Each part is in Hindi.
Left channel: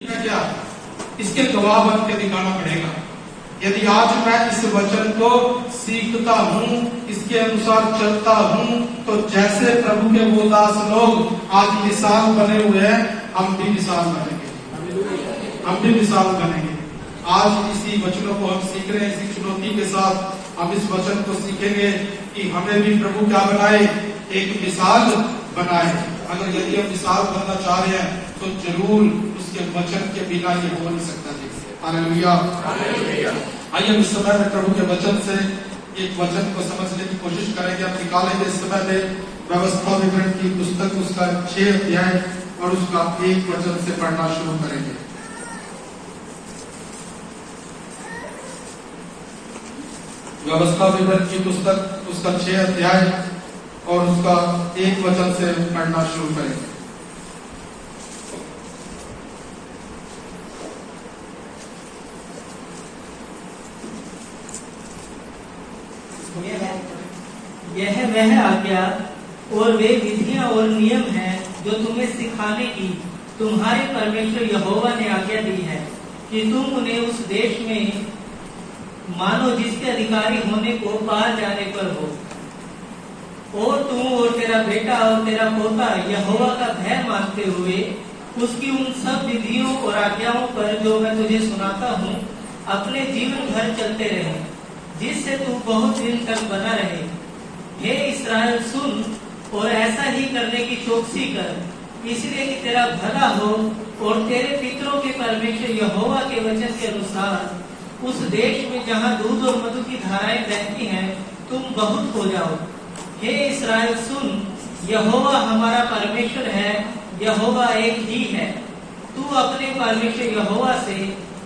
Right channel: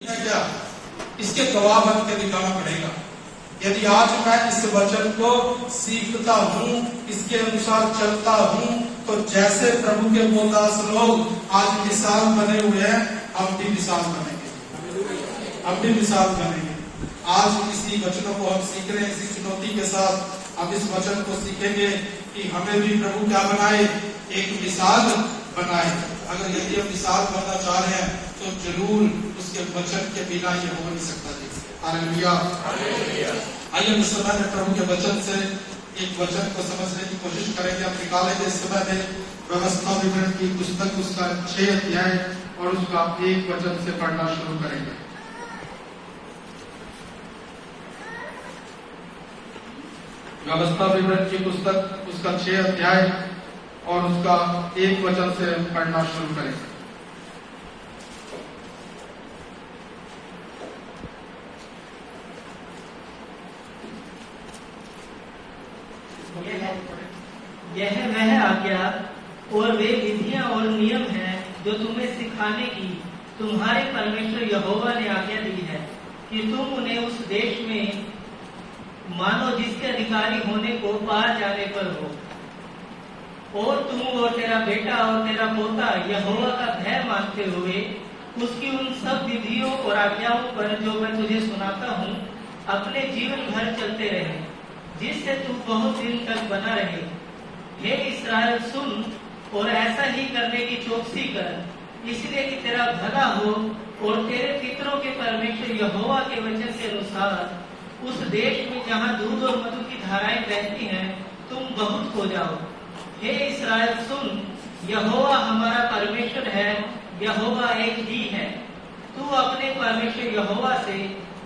क्या इसके गवाह बन के दिखाना पड़ेगा। यदि आज मैं इस वचन को सीखता हूँ, इसके अनुसार चलता हूँ, तो जैसे प्रभु के वो दास लोग आज मिसाल बने हुए हैं, हम भी मिसाल बनेंगे, हम भी मिसाल बनेंगे। आज इसी वचनों को हम सीख रहे हैं, इसी चुनौती के साथ हम इस वचन को सीखेंगे कि हमें भी प्रभु क्या बनाए, एक मिसाल बनाए। अगर यदि हम मिसाल बनना चाह रहे हैं तो जरूर उसके वचन के बिना ये हो नहीं सकता। हालेलुया। आइए इस समय में प्रभु के वचन से एक वचन को समझने की कोशिश करेंगे। हम निकालेंगे इस समय में व्यवस्था विवरण की पुस्तक, उसका 6 अध्याय और उसका 1 वचन से पढ़ना शुरू करेंगे। व्यवस्था विवरण की पुस्तक, उसका 6 अध्याय और उसका 1 वचन से पढ़ना शुरू करेंगे। यह वह आज्ञा और वे विधियां और नियम हैं जो तुम्हें सिखाने की तुम्हारे परमेश्वर यहोवा ने आज्ञा दी है, कि तुम उन्हें उस देश में मानो जिसके अधिकारी होने को पार जाने पर हो। और तुम और तेरा बेटा और तेरा पोता यहोवा का भय मानते हुए उसकी उन सब विधियों और आज्ञाओं पर जो मैं तुझे सुनाता हूँ, अपने जीवन भर चलते रहे, जिससे तू बहुत दिन तक बना रहे। हे इस्राएल, सुन और ऐसा ही करने की चौकसी कर, इसलिए कि तेरा भला हो और तेरे पितरों के परमेश्वर यहोवा के वचन के अनुसार उस देश में जहाँ दूध और मधु की धाराएं बहती हैं, तुम बहुत हो जाओ। हे इस्राएल, सुन, यहोवा हमारा परमेश्वर है, यहोवा एक ही है। तू अपने परमेश्वर यहोवा से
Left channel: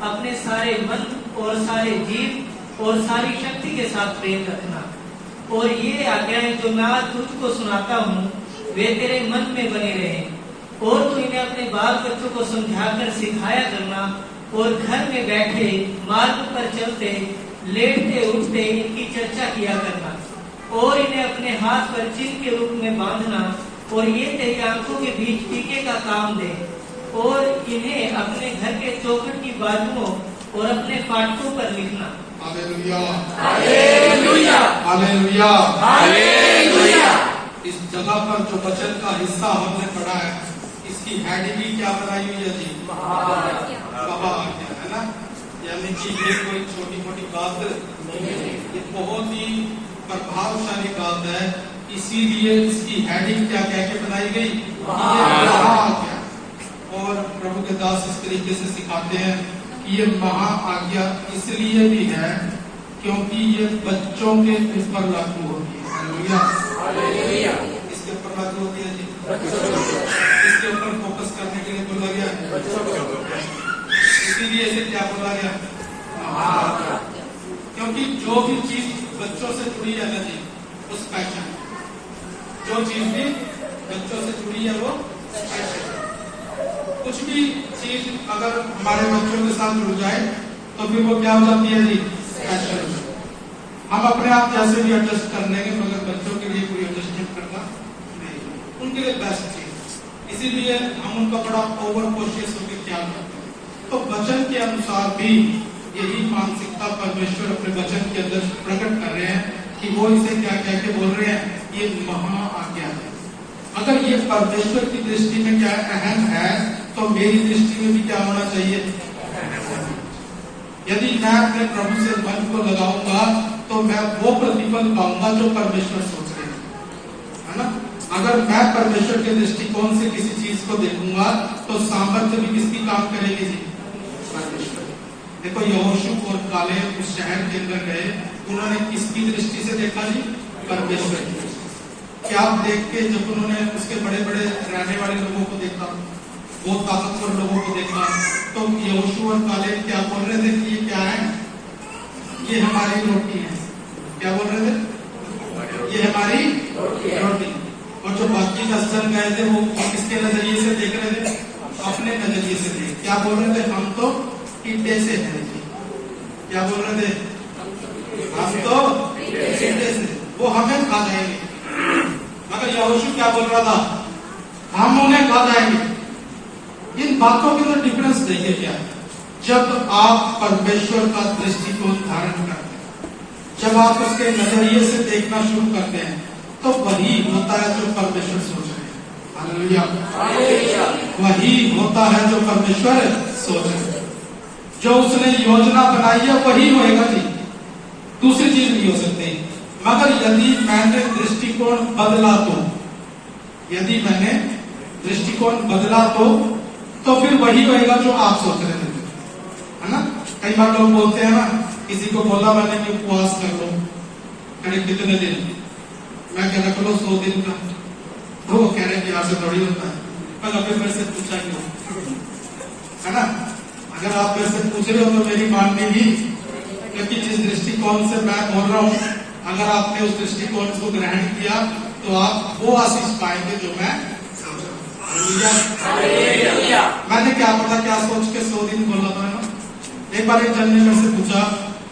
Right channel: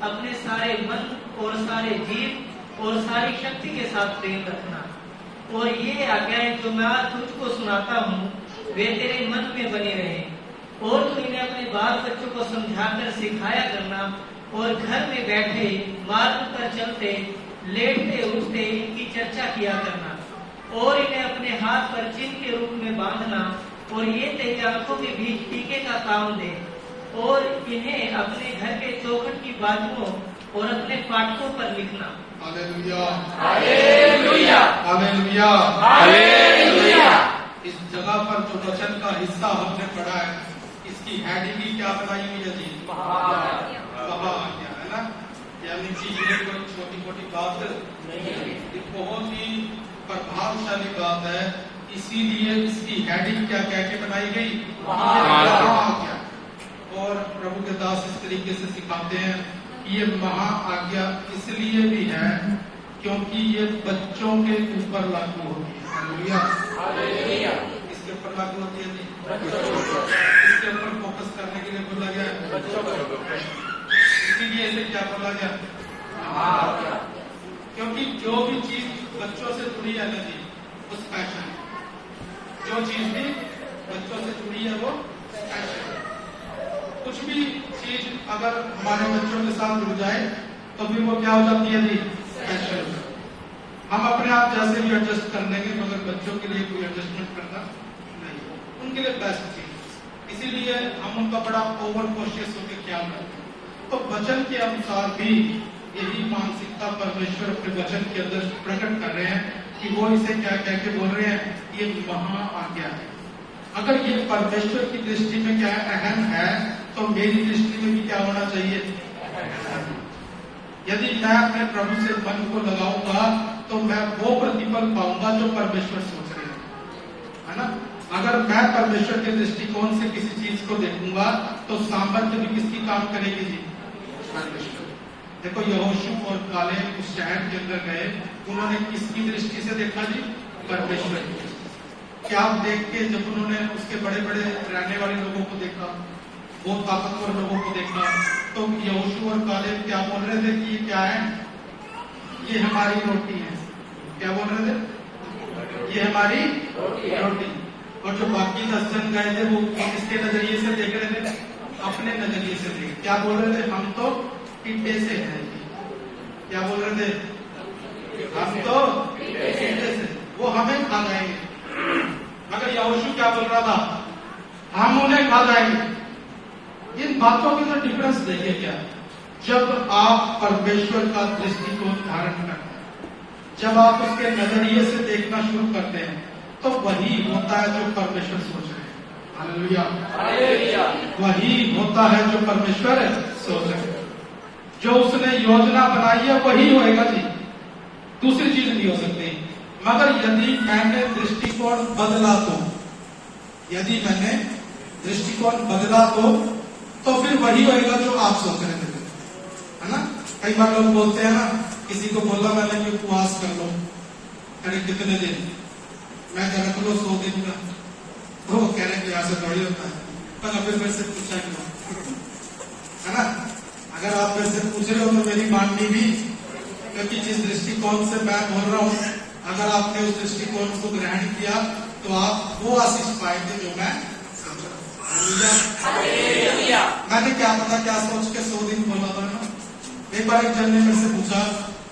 अपने सारे मन और सारे जीव और सारी शक्ति के साथ प्रेम रखना। और ये आज्ञाएं जो मैं आज तुझको सुनाता हूँ, वे तेरे मन में बने रहे। और तू इन्हें अपने बाल बच्चों को समझाकर सिखाया करना, और घर में बैठे, मार्ग पर चलते, लेटते उठते इनकी चर्चा किया करना, और इन्हें अपने हाथ पर चिन्ह के रूप में बांधना, और ये तेरी आंखों के बीच टीके का काम दे। और इन्हें अपने घर के चौखट की बाजुओं और अपने फाटकों पर लिखना। Hallelujah, hallelujah, hallelujah, hallelujah. इस जगह पर जो वचन का हिस्सा हमने पढ़ा है, इसकी हेडिंग क्या बनाई हुई है जी? बाबा आज्ञा, है ना? यानी कि ये कोई छोटी मोटी बात नहीं है, ये बहुत ही प्रभावशाली बात है। इसीलिए इसकी हेडिंग क्या कह के बनाई गई? आज्ञा। और प्रभु के दास इस तरीके से सिखाते हैं कि ये महा आज्ञा इसलिए भी है क्योंकि ये बच्चों के ऊपर लागू होती है। हालेलुया। इसके ऊपर लागू होती है, इसके ऊपर फोकस करने के लिए बोला गया, इसीलिए इसे क्या बोला गया? क्योंकि जो भी चीज बच्चों से जुड़ी है ना जी, उस पैशन, जो चीज भी बच्चों से जुड़ी है वो पैशन। कुछ भी चीज अगर हमारे बच्चों के साथ जुड़ जाए तो फिर वो क्या हो जाती है जी? पैशन। हम अपने आप जैसे भी एडजस्ट कर लेंगे, मगर बच्चों के लिए कोई एडजस्टमेंट करना नहीं, उनके लिए बेस्ट चीज। इसीलिए हम उनका बड़ा ओवर कॉशियस होकर ख्याल करते हैं। तो वचन के अनुसार भी यही मानसिकता परमेश्वर अपने वचन के अंदर प्रकट कर रहे हैं कि वो इसे क्या कह के बोल रहे हैं? ये महा आज्ञा है। अगर ये परमेश्वर की दृष्टि में क्या अहम है, तो मेरी दृष्टि में भी क्या होना चाहिए? यदि मैं अपने प्रभु से मन को लगाऊंगा तो मैं वो प्रतिफल पाऊंगा जो परमेश्वर सोचते हैं, है ना? अगर मैं परमेश्वर के दृष्टिकोण से किसी चीज को देखूंगा तो सामर्थ्य भी किसकी काम करेगी जी? परमेश्वर। देखो, यहोशू और कालेब उस शहर के अंदर गए, उन्होंने किसकी दृष्टि से देखा जी? परमेश्वर की। क्या देख के जब उन्होंने उसके बड़े बड़े रहने वाले लोगों को देखा, बहुत ताकतवर लोगों को देखा, तो यहोशू और कालेब क्या बोल रहे थे कि ये क्या है? ये हमारी रोटी है। क्या बोल रहे थे? ये हमारी रोटी। और जो बाकी 10 जन गए थे वो किसके नजरिए से देख रहे थे? अपने नजरिए से देख। क्या बोल रहे थे? हम तो ईंटे से हैं। क्या बोल रहे थे? हम तो ईंटे से, वो हमें खा जाएंगे। मगर यहोशू क्या बोल रहा था? हम उन्हें खा जाएंगे। इन बातों के अंदर डिफरेंस देखे क्या? जब आप परमेश्वर का दृष्टिकोण धारण करते हैं, जब आप उसके नजरिए से देखना शुरू करते हैं, तो वही होता है जो परमेश्वर सोच रहे हैं। हालेलुया। वही होता है जो परमेश्वर सोच रहे हैं। जो उसने योजना बनाई है वही होएगा जी, दूसरी चीज नहीं हो सकती। मगर यदि मैंने दृष्टिकोण बदला तो, यदि मैंने दृष्टिकोण बदला तो फिर वही होएगा जो आप सोच रहे थे, है ना? कई बार लोग बोलते हैं ना, किसी को बोला मैंने कि उपवास कर लो, करीब कितने दिन? मैं कह रहा 100 दिन का। वो कह रहे कि ऐसे थोड़ी होता है। मगर फिर मेरे से पूछा क्यों, है ना? अगर आप मेरे से पूछ रहे हो तो मेरी माननी भी, क्योंकि जिस दृष्टिकोण से मैं बोल रहा हूँ, अगर आपने उस दृष्टिकोण को ग्रहण किया तो आप वो आशीष पाएंगे जो मैं सोच रहा हूँ। मैंने क्या पता क्या सोच के 100 दिन बोला था ना। एक बार एक जन ने मेरे से पूछा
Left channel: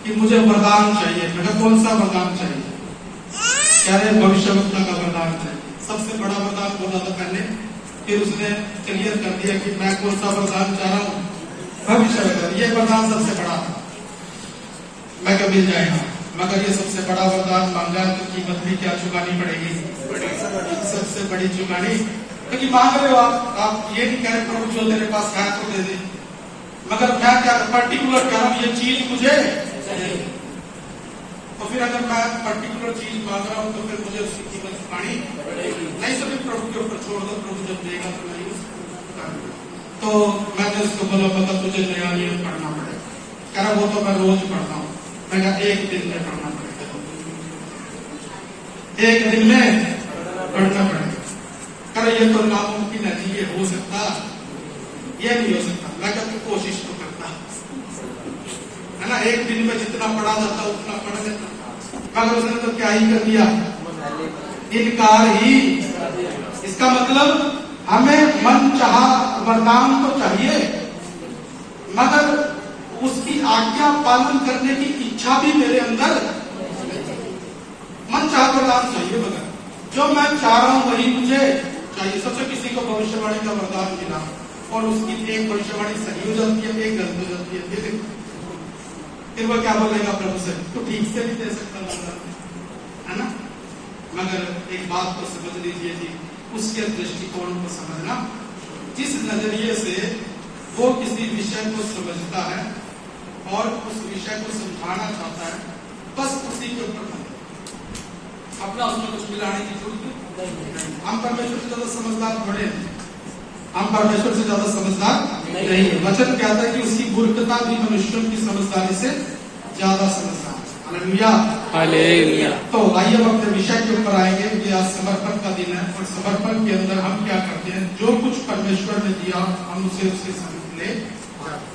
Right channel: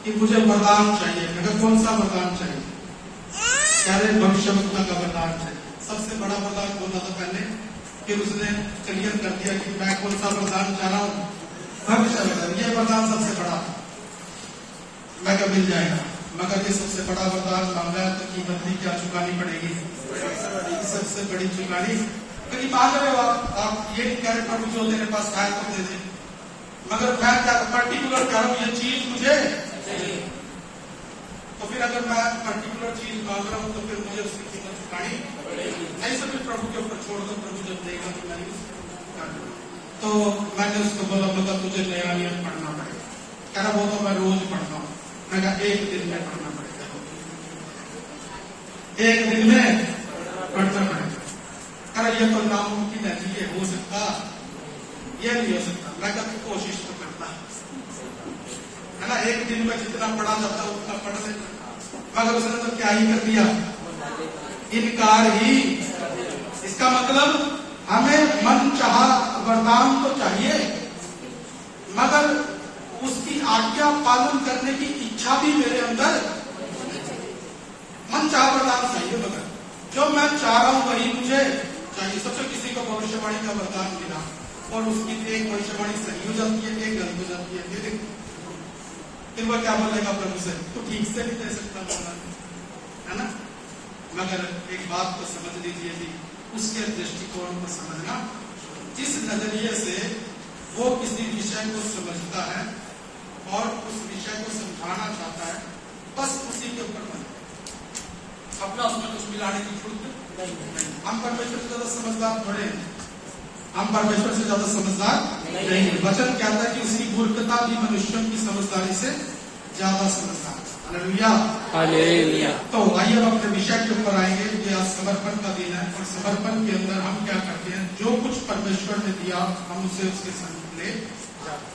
कि मुझे वरदान चाहिए। मैं कहा कौन सा वरदान चाहिए? कह रहे भविष्यवक्ता का वरदान चाहिए। सबसे बड़ा वरदान बोला था पहले, फिर उसने क्लियर कर दिया कि मैं कौन सा वरदान चाह रहा हूँ, भविष्यवक्ता। ये वरदान सबसे बड़ा था। मैं कभी मिल जाएगा, मगर ये सबसे बड़ा वरदान मांगा तो कीमत भी क्या चुकानी पड़ेगी? सबसे बड़ी चुकानी। क्योंकि मांग रहे हो आप ये नहीं कह रहे प्रभु जो तेरे पास है तो दे दे, मगर मैं क्या पर्टिकुलर कह रहा हूँ ये चीज मुझे चाहिए। तो फिर अगर मैं पर्टिकुलर चीज मांग रहा हूँ तो फिर मुझे उसकी कीमत चुकानी पड़ेगी। नहीं तो फिर प्रभु के ऊपर छोड़ दो, प्रभु जब देगा तो मैं तो मैंने उसको बोला मतलब तुझे नया नियम पढ़ना पड़ेगा। कह रहा वो तो मैं रोज पढ़ता हूँ। मैं कहा एक दिन में पढ़ना पड़ेगा, एक दिन में पढ़ना पड़ेगा। कह रहा ये तो नामुमकिन है, ये हो सकता, ये नहीं हो सकता। मैं क्या तू कोशिश तो करता है ना, एक दिन में जितना पढ़ा जाता उतना पढ़ लेता। मगर उसने तो क्या ही कर दिया, इनकार ही। इसका मतलब हमें मन चाहा वरदान तो चाहिए, मगर उसकी आज्ञा पालन करने की इच्छा भी मेरे अंदर। मन चाहा वरदान चाहिए, मगर जो मैं चाह रहा हूं वही मुझे चाहिए। सबसे किसी को भविष्यवाणी का वरदान मिला और उसकी एक भविष्यवाणी सही हो जाती है, एक गलत हो जाती है, फिर वो क्या बोलेगा प्रभु से? तो ठीक से नहीं दे सकता वरदान, है ना? मगर एक बात तो समझ लीजिए जी, उसके दृष्टिकोण को समझना, जिस नजरिए से वो किसी विषय को समझता है और उस विषय को समझाना चाहता है, बस उसी के ऊपर अपना उसमें कुछ मिलाने की जरूरत नहीं। हम परमेश्वर से ज्यादा समझदार थोड़े हैं, हम परमेश्वर से ज्यादा समझदार नहीं है। वचन कहता है कि उसकी मूर्खता भी मनुष्यों की समझदारी से ज्यादा समझदार। Hallelujah, hallelujah. तो आइए हम अपने विषय के ऊपर आएंगे कि आज समर्पण का दिन है, और समर्पण के अंदर हम क्या करते हैं? जो कुछ परमेश्वर ने दिया हम उसे उसके सामने ले आते,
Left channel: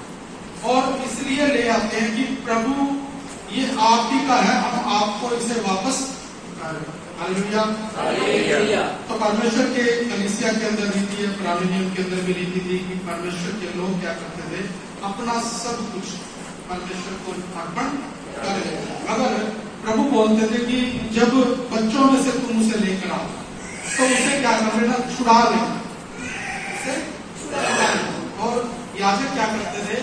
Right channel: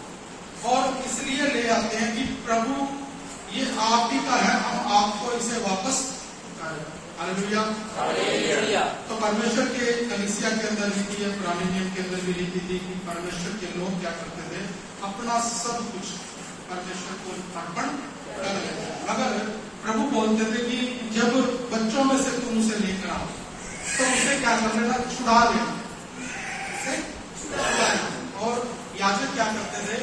और इसलिए ले आते हैं कि प्रभु ये आप ही का है, हम आपको इसे वापस। हालेलुया। तो परमेश्वर के कलीसिया के अंदर रीति है, पुराने नियम के अंदर भी रीति थी कि परमेश्वर के लोग क्या करते थे? अपना सब कुछ परमेश्वर को अर्पण कर लेते। मगर प्रभु बोलते थे कि जब बच्चों में से तुम उसे लेकर आओ तो उसे क्या कर लेना? छुड़ा लेना, उसे छुड़ा लेना। और याजक क्या करते थे?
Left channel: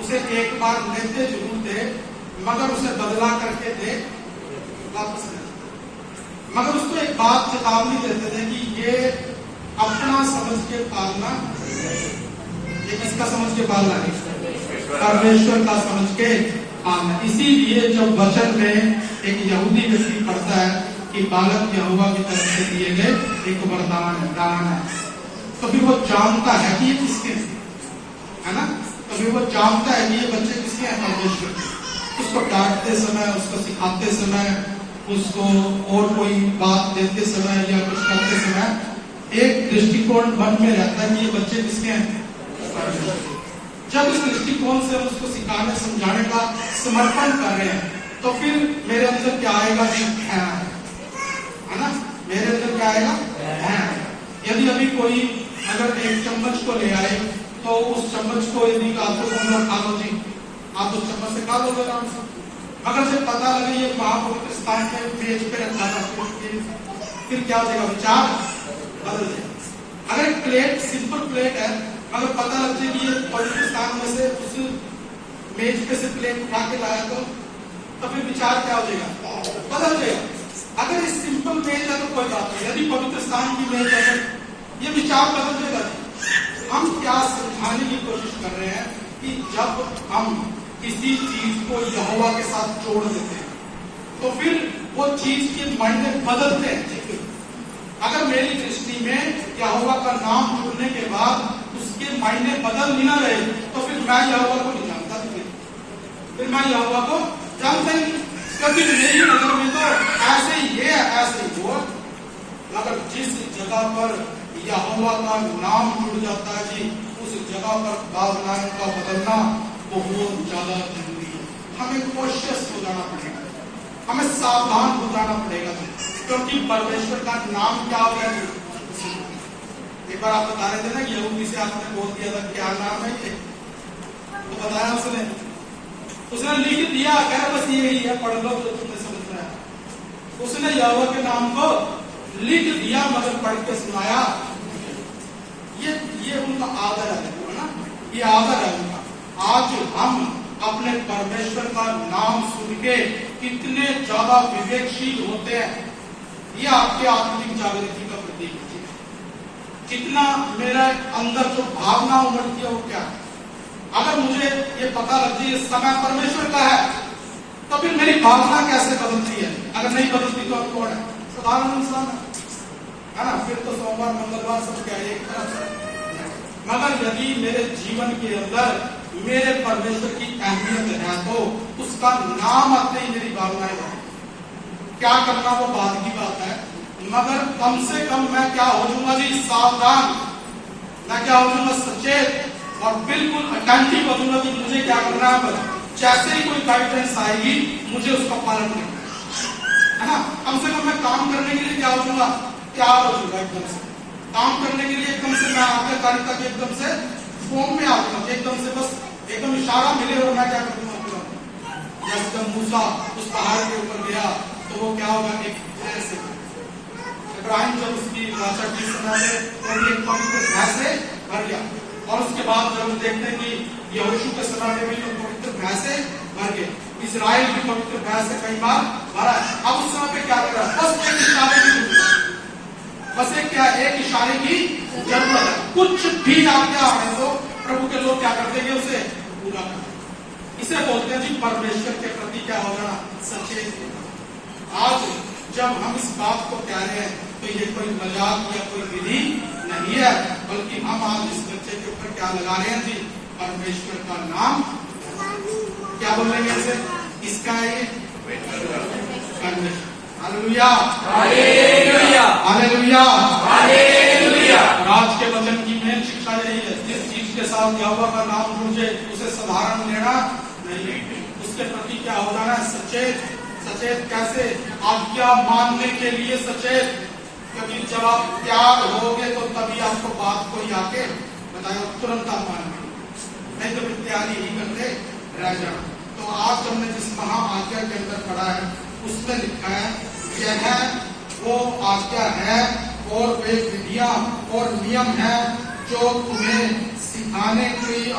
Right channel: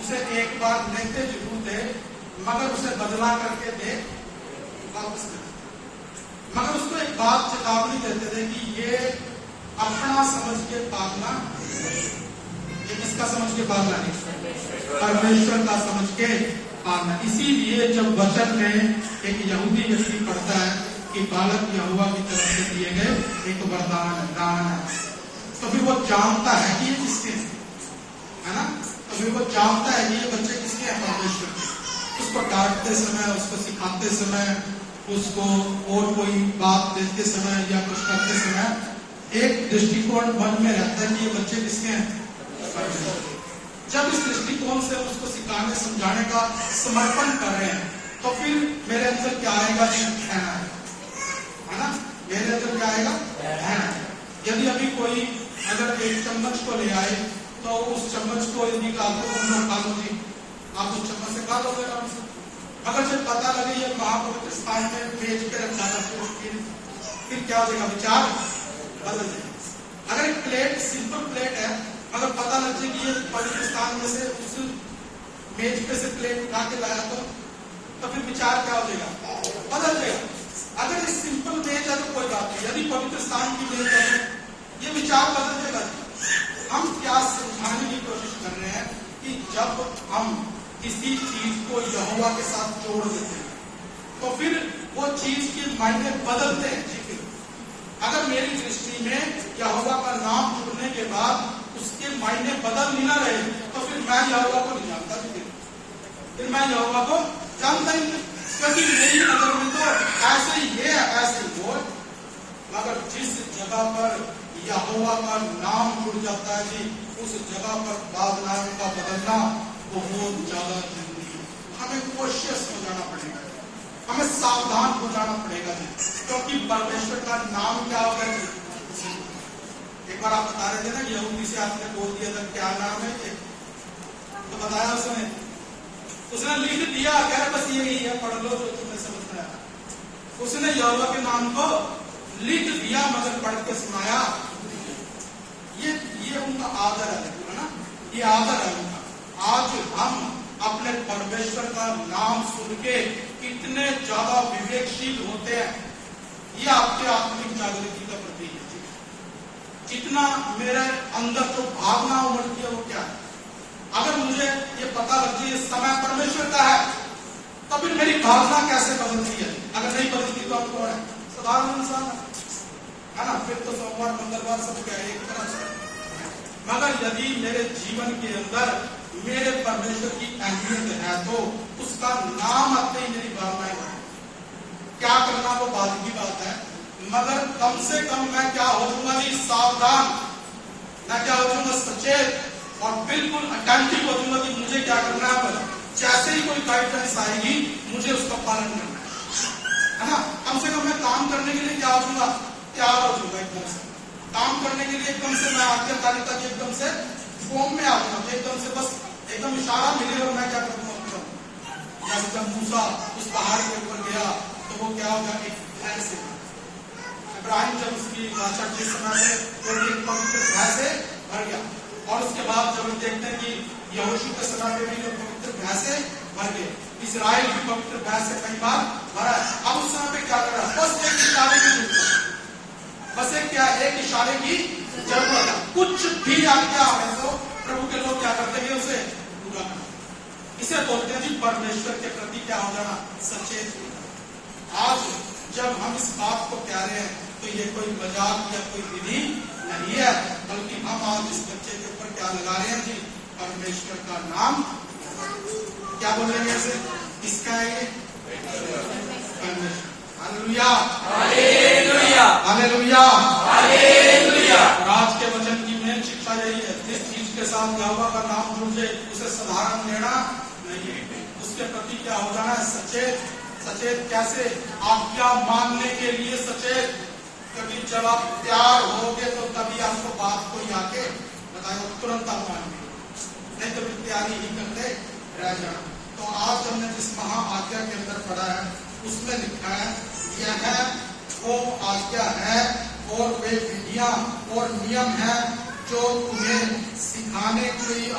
उसे एक बार लेते जरूर थे, मगर उसे बदला करके दे वापस लेते। मगर उसको एक बात चेतावनी देते थे कि ये अपना समझ के पालना, ये किसका समझ के पालना नहीं, परमेश्वर का समझ के पालना। इसीलिए जब वचन में एक यहूदी व्यक्ति पढ़ता है कि बालक यहोवा की तरफ से दिए गए एक वरदान है, दान है, तो फिर वो जानता है कि ये किसके है ना, तो फिर वो जानता है कि ये बच्चे किसके हैं? परमेश्वर के। उसको डांटते समय, उसको सिखाते समय, उसको और कोई बात देते समय या कुछ करते समय एक दृष्टिकोण मन में रहता है कि ये बच्चे किसके हैं? परमेश्वर के। जब इस दृष्टिकोण से उसको सिखाने समझाने का समर्पण कर रहे हैं, तो फिर मेरे अंदर क्या आएगा? है ना, मेरे अंदर क्या आएगा? यदि अभी कोई अगर एक चम्मच को ले आए तो उस चम्मच को यदि आपको खा लो जी, आप उस चम्मच से खा लोगे आराम से। अगर जब पता लगे ये महापवित्र स्थान में मेज पे रखा था, फिर क्या हो जाएगा? विचार बदल जाएगा। अगर एक प्लेट सिंपल प्लेट है अगर पता लग जाए कि ये पवित्र स्थान में से उस मेज पे से प्लेट उठा के लाया तो फिर विचार क्या हो जाएगा, बदल जाएगा। अगर इस सिंपल मेज है तो कोई बात नहीं, यदि पवित्र स्थान की मेज है तो ये विचार बदल जाएगा। हम क्या समझाने की कोशिश कर रहे हैं कि जब हम किसी चीज को यहोवा के साथ जोड़ देते हैं तो फिर वो चीज के मायने बदलते हैं। अगर मेरी दृष्टि में यहोवा का नाम जुड़ने के बाद उसके मायने बदल ही ना रहे तो फिर मैं यहोवा को नहीं जानता, फिर मैं यहोवा को जानता ही नहीं, क्योंकि मेरी नजर में तो ऐसे ही ये ऐसे ही वो। अगर जिस जगह पर यहोवा का नाम जुड़ जाता है जी, उस जगह पर भावनाओं का बदलना बहुत ज्यादा जरूरी है। हमें कोशिश हो जाना पड़ेगा, हमें सावधान हो जाना पड़ेगा जी, क्योंकि परमेश्वर का नाम क्या हो गया जी। एक बार आप बता रहे थे ना कि यहूदी से आपने बोल दिया था क्या नाम है ये, तो बताया उसने लिख दिया, कह बस यही है, पढ़ लो जो तुमने समझ में आया। उसने यहोवा के नाम को लिख दिया मगर पढ़ के सुनाया। ये उनका आदर है ना, ये आदर है उनका। आज हम अपने परमेश्वर का नाम सुन के कितने ज्यादा विवेकशील होते हैं, ये आपके आत्मिक जागृति का प्रतीक है। कितना मेरे अंदर जो भावना उमड़ती है वो क्या है। अगर मुझे ये पता लग जाए इस समय परमेश्वर का है तो फिर मेरी भावना कैसे बदलती है। अगर नहीं बदलती तो अब कौन है, साधारण इंसान है ना, फिर तो सोमवार मंगलवार सब क्या है एक तरह से। मगर यदि मेरे जीवन के अंदर मेरे परमेश्वर की अहमियत है तो उसका नाम आते ही मेरी भावनाएं है। क्या करना वो बात की बात है, मगर कम से कम मैं क्या हो जाऊंगा जी, सावधान, मैं क्या हो जाऊंगा, सचेत और बिल्कुल अटेंटिव हो जाऊंगा कि मुझे क्या करना है। जैसे ही कोई गाइडेंस आएगी मुझे उसका पालन करना है ना। कम से कम मैं काम करने के लिए क्या हो जाऊंगा, क्या हो जाऊंगा, एकदम से काम करने के लिए एकदम से मैं आज्ञाकारिता के एकदम से फॉर्म में आ जाऊंगा, एकदम से बस एकदम इशारा मिले और मैं क्या कर दूंगा। जब मूसा उस पहाड़ के ऊपर गया तो वो क्या होगा, एक भय से इब्राहिम जब उसकी भाषा की समय तो एक पवित्र भय से भर गया। और उसके बाद जब हम देखते हैं कि यहोशू के समय में भी पवित्र भय से भर गए, इजराइल भी पवित्र भय से कई बार भरा है। अब उस समय पे क्या कर रहा है, बस एक इशारे की जरूरत है, बस एक इशारे की जरूरत है। कुछ भी आज्ञा आए तो प्रभु के लोग क्या करते हैं, उसे पूरा करते। इसे बोलते हैं कि परमेश्वर के प्रति क्या होगा ना, सचेत। आज जब हम इस बात को कह रहे हैं तो ये कोई मजाक या कोई विधि नहीं है, बल्कि हम आज इस बच्चे के ऊपर क्या लगा रहे हैं जी, परमेश्वर का नाम। क्या बोलेंगे इसे, किसका है ये, परमेश्वर। Hallelujah, hallelujah, hallelujah, hallelujah. आज के वचन की मेन शिक्षा यही है, जिस चीज के साथ यहोवा का नाम जुड़ जाए उसे साधारण लेना नहीं, उसके प्रति क्या हो जाना है, सचेत। सचेत कैसे, आज्ञा मानने के लिए सचेत, क्योंकि जब आप तैयार होगे तो तभी आपको बात कोई आके बताएगा, तुरंत आप मानेंगे, नहीं तो फिर तैयारी ही करते रह जाना। तो आज हमने जिस महा आज्ञा के अंदर पढ़ा है उसमें लिखा है, यह वो आज्ञा है और वे विधियां और नियम है जो तुम्हें सिखाने के लिए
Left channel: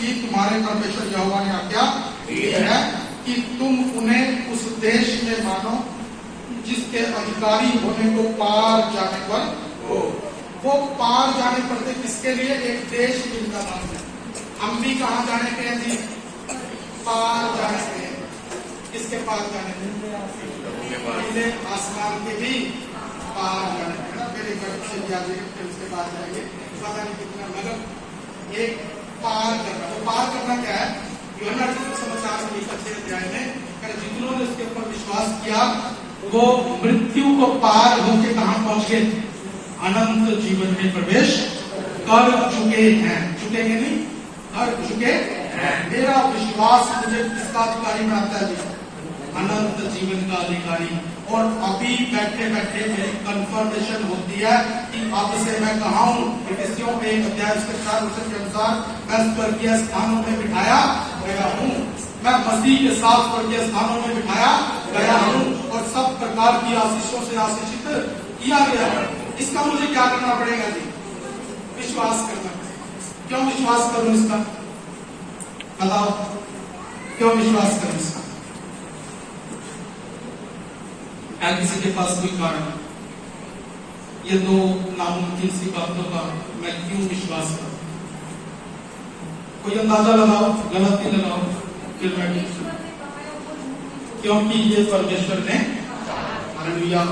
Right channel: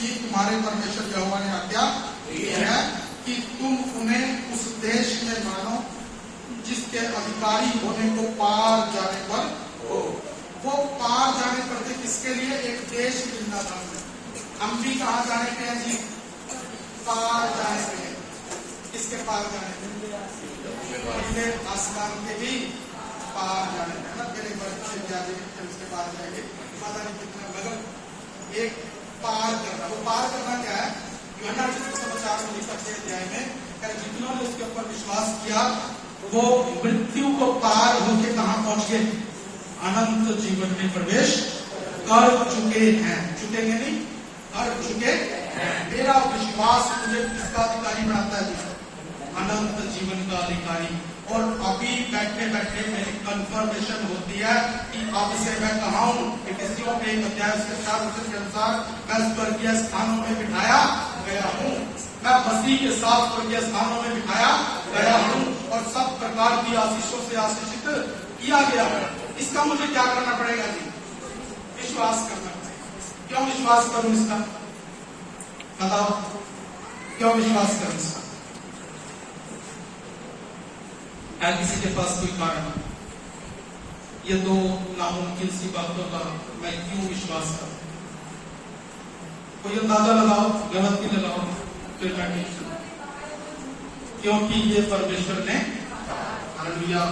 तुम्हारे परमेश्वर यहोवा ने आज्ञा दी है कि तुम उन्हें उस देश में मानो जिसके अधिकारी होने को पार जाने पर हो। वो पार जाने पर थे किसके लिए, एक देश जिंदाबाद में। हम भी कहाँ जाने के हैं जी, पार जाने के हैं। किसके पार जाने के, आसमान के भी पार जाने के ना। मेरे घर से उसके पार जाएंगे, पता नहीं कितना, मगर एक पार करना। वो पार करना क्या है, यूहन्ना समाचार में लिखा 6 अध्याय में, जितनों ने उसके ऊपर विश्वास किया वो मृत्यु को पार होके कहां पहुंच गए, अनंत जीवन में प्रवेश कर चुके हैं। चुकेंगे नहीं, कर चुके हैं। मेरा विश्वास मुझे किसका अधिकारी बनाता है जी, अनंत जीवन का अधिकारी। और अभी बैठे बैठे मेरी कंफर्मेशन होती है कि अब से मैं कहा हूं, इफिसियों में 1 अध्याय उसके 4 वचन के अनुसार मैं स्वर्गीय स्थानों में बिठाया गया हूं, मैं मसीह के साथ स्वर्गीय स्थानों में बिठाया गया हूं और सब प्रकार की आशीषों से आशीषित किया गया है। इसका मुझे क्या करना पड़ेगा जी, विश्वास करना पड़ेगा। क्यों विश्वास करूं इसका? बताओ, क्यों विश्वास करूं इसका? है किसी के पास कोई कारण? ये दो नामुमकिन सी बातों का मैं क्यों विश्वास करूं? कोई अंदाजा लगाओ, गलत ही लगाओ, फिर मैं ठीक हूं। क्योंकि ये परमेश्वर ने, हालेलुया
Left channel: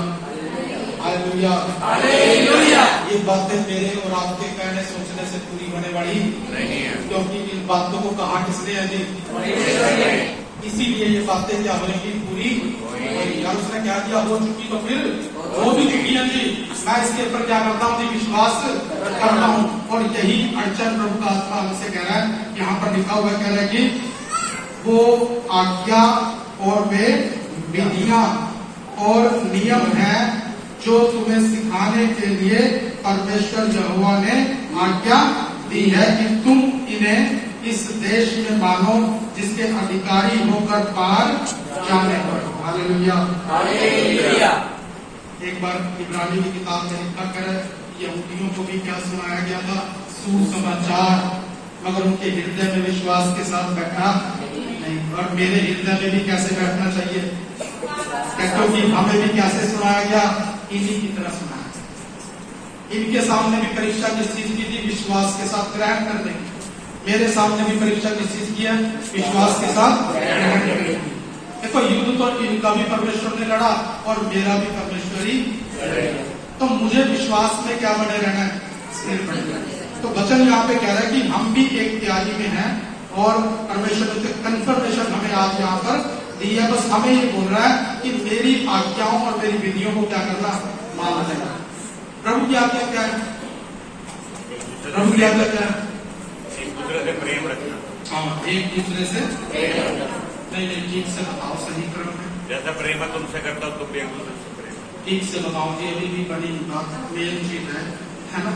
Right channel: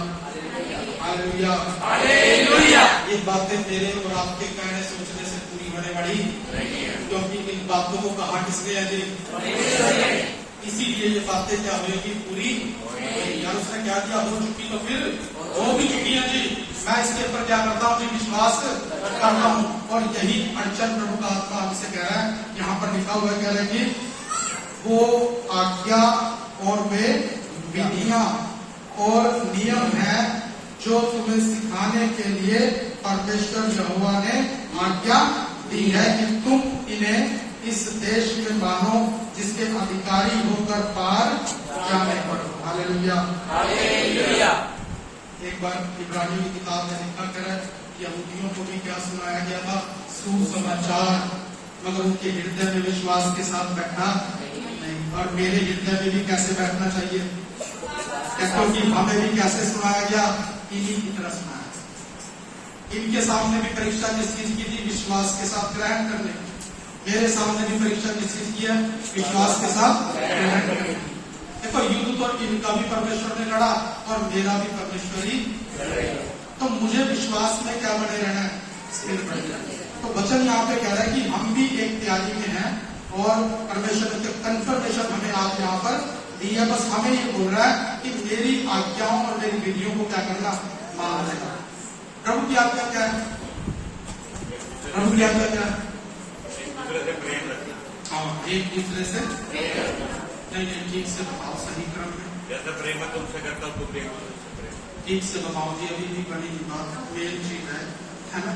हालेलुया हालेलुया, ये बातें मेरे और आपके कहने सोचने से पूरी होने वाली नहीं है, क्योंकि इन बातों को कहा किसने है जी? इसीलिए ये बातें क्या होगी? पूरी। यार उसने क्या किया? हो चुकी तो फिर हो भी चुकी है जी। मैं इसके ऊपर क्या करता हूँ जी? विश्वास करता हूँ। और यही अड़चन प्रभु का आत्मा हमसे कह रहा है, यहाँ पर लिखा हुआ कह रहा है कि वो आज्ञा और वे विधियां और नियम हैं जो तुम्हें सिखाने के लिए परमेश्वर यहोवा ने आज्ञा दी है कि तुम इन्हें इस देश में मानो जिसके अधिकारी होकर पार जाने पर। Hallelujah hallelujah. एक बार इब्रानी की किताब में लिखा कर यहूदियों को भी क्या सुनाया गया था? सुसमाचार, मगर उनके हृदय में विश्वास के साथ बैठा नहीं। और मेरे हृदय में भी कैसे बैठना चाहिए? क्योंकि हमें भी कैसे सुनाया गया? इन्हीं की तरह सुनाया। इनके सामने भी परीक्षा किस चीज की थी? विश्वास के साथ ग्रहण करने की। मेरे सामने भी परीक्षा किस चीज की है? विश्वास के साथ ग्रहण करने की। देखो, युद्ध तो इनका भी परमेश्वर ने लड़ा और मेरा भी परमेश्वर ही लड़ेगा। तो मुझे विश्वास में क्या बने रहना है? स्थिर रहना है। तो वचन यहाँ पे कह रहा है कि हम भी एक तैयारी में हैं और परमेश्वर से कंफर्मेशन हमें आज यहाँ पर दी है। बस हमें ये बोल रहा है कि मेरी आज्ञाओं और मेरी विधियों को क्या करना? मानना। प्रभु की आज्ञा क्या है? प्रभु की आज्ञा क्या है? एक दूसरे से प्रेम रखना। हाँ, एक दूसरे से नहीं, ठीक से बताओ, सही क्रम में। जैसा प्रेम मैं तुमसे करता हूँ तुम भी एक दूसरे से प्रेम। ठीक से बताओ जी, अभी भी बड़ी बात मेन चीज है ना?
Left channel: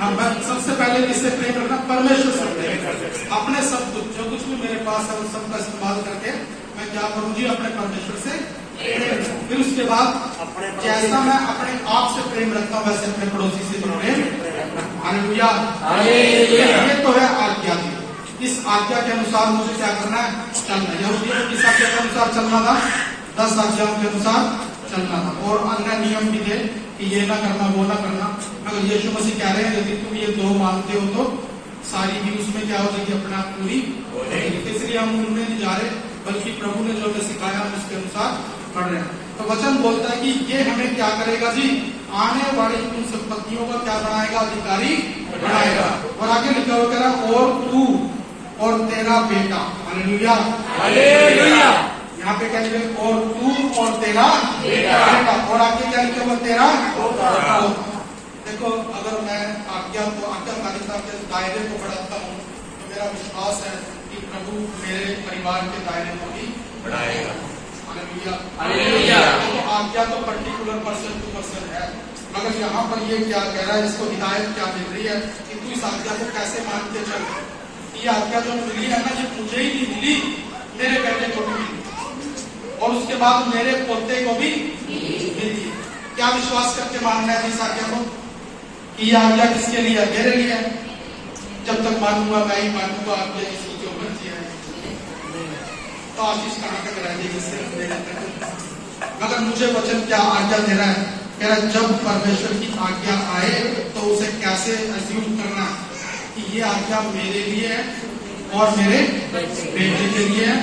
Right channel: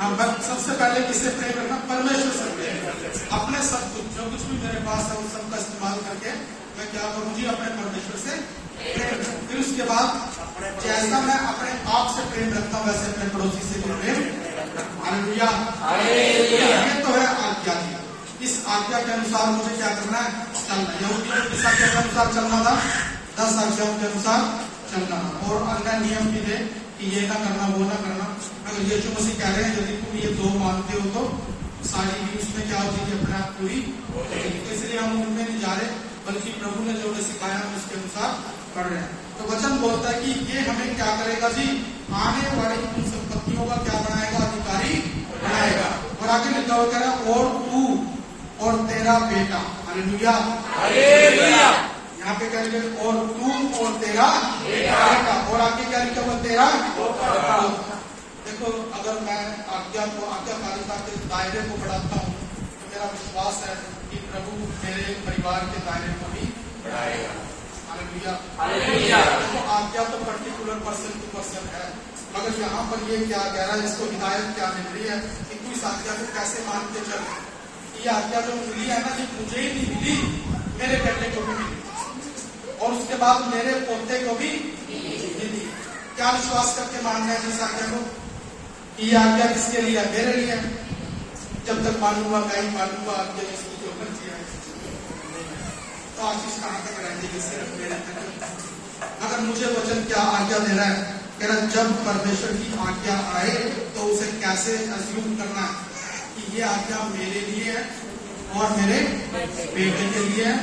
हाँ, सबसे पहले किससे प्रेम रखना? परमेश्वर से प्रेम रखना। अपने सब कुछ, जो कुछ भी मेरे पास है, उस सबका इस्तेमाल करके मैं क्या करूँ जी? अपने परमेश्वर से प्रेम। फिर उसके बाद जैसा मैं अपने आप से प्रेम रखता हूँ वैसे अपने पड़ोसी से भी प्रेम। Hallelujah hallelujah. ये तो है आज्ञा की। इस आज्ञा के अनुसार मुझे क्या करना है? चलना। यहूदियों किस आज्ञा के अनुसार चलना था? 10 आज्ञाओं के अनुसार चलना था। और अन्य नियम भी थे कि ये ना करना, वो ना करना। अगर यीशु मसीह कह रहे हैं यदि तुम ये दो मानते हो तो सारी भी उसमें क्या हो जाएगी? अपने आप पूरी हो जाएगी। इसलिए हम उनमें नहीं जा रहे, बल्कि प्रभु ने जो हमें सिखाया हम उसके अनुसार पढ़ रहे हैं। तो वचन बोलता है कि ये हमें क्या करेगा जी? आने वाली उन संपत्तियों का क्या बनाएगा? अधिकारी बनाएगा। और आगे लिखा हुआ कह रहा, और तू और तेरा बेटा। Hallelujah hallelujah. यहाँ पे क्या लिखा? और तू और तेरा बेटा। और आगे क्या लिखा हुआ? तेरा पोता। देखो, अगर मैं आज्ञाकारिता के दायरे को बढ़ाता हूँ तो मेरा विश्वास है कि प्रभु मेरे परिवार के दायरे को भी बढ़ाएगा। Hallelujah hallelujah. तो आज्ञा तो पर्टिकुलर पर्सन टू पर्सन है, मगर यहाँ पर ये क्या कह रहा है? इसको हिदायत क्या मिल रही है कि तू इस आज्ञा को कैसे मान के चल। ये आज्ञा जो मिली है ना, ये मुझे ही नहीं मिली, मेरे बेटे को भी मिली और उसके बाद मेरे पोते को भी मिली। क्या विश्वास करके मानना है इस आज्ञा को कि ये आज्ञा किसके लिए है? मेरे लिए है। जब तक मानूंगा मैं ही मानूंगा, आज्ञा इसकी जो मर्जी है। तो आशीष कहाँ तक रह जाएगी? सिर्फ मेरे तक। मगर मुझे वचन क्या आज्ञा दे रहा है? कह रहा जब परमेश्वर की आज्ञा आए तो उसे कैसे अज्यूम करना कि ये आज्ञा मेरे लिए है और मेरे बेटे के लिए है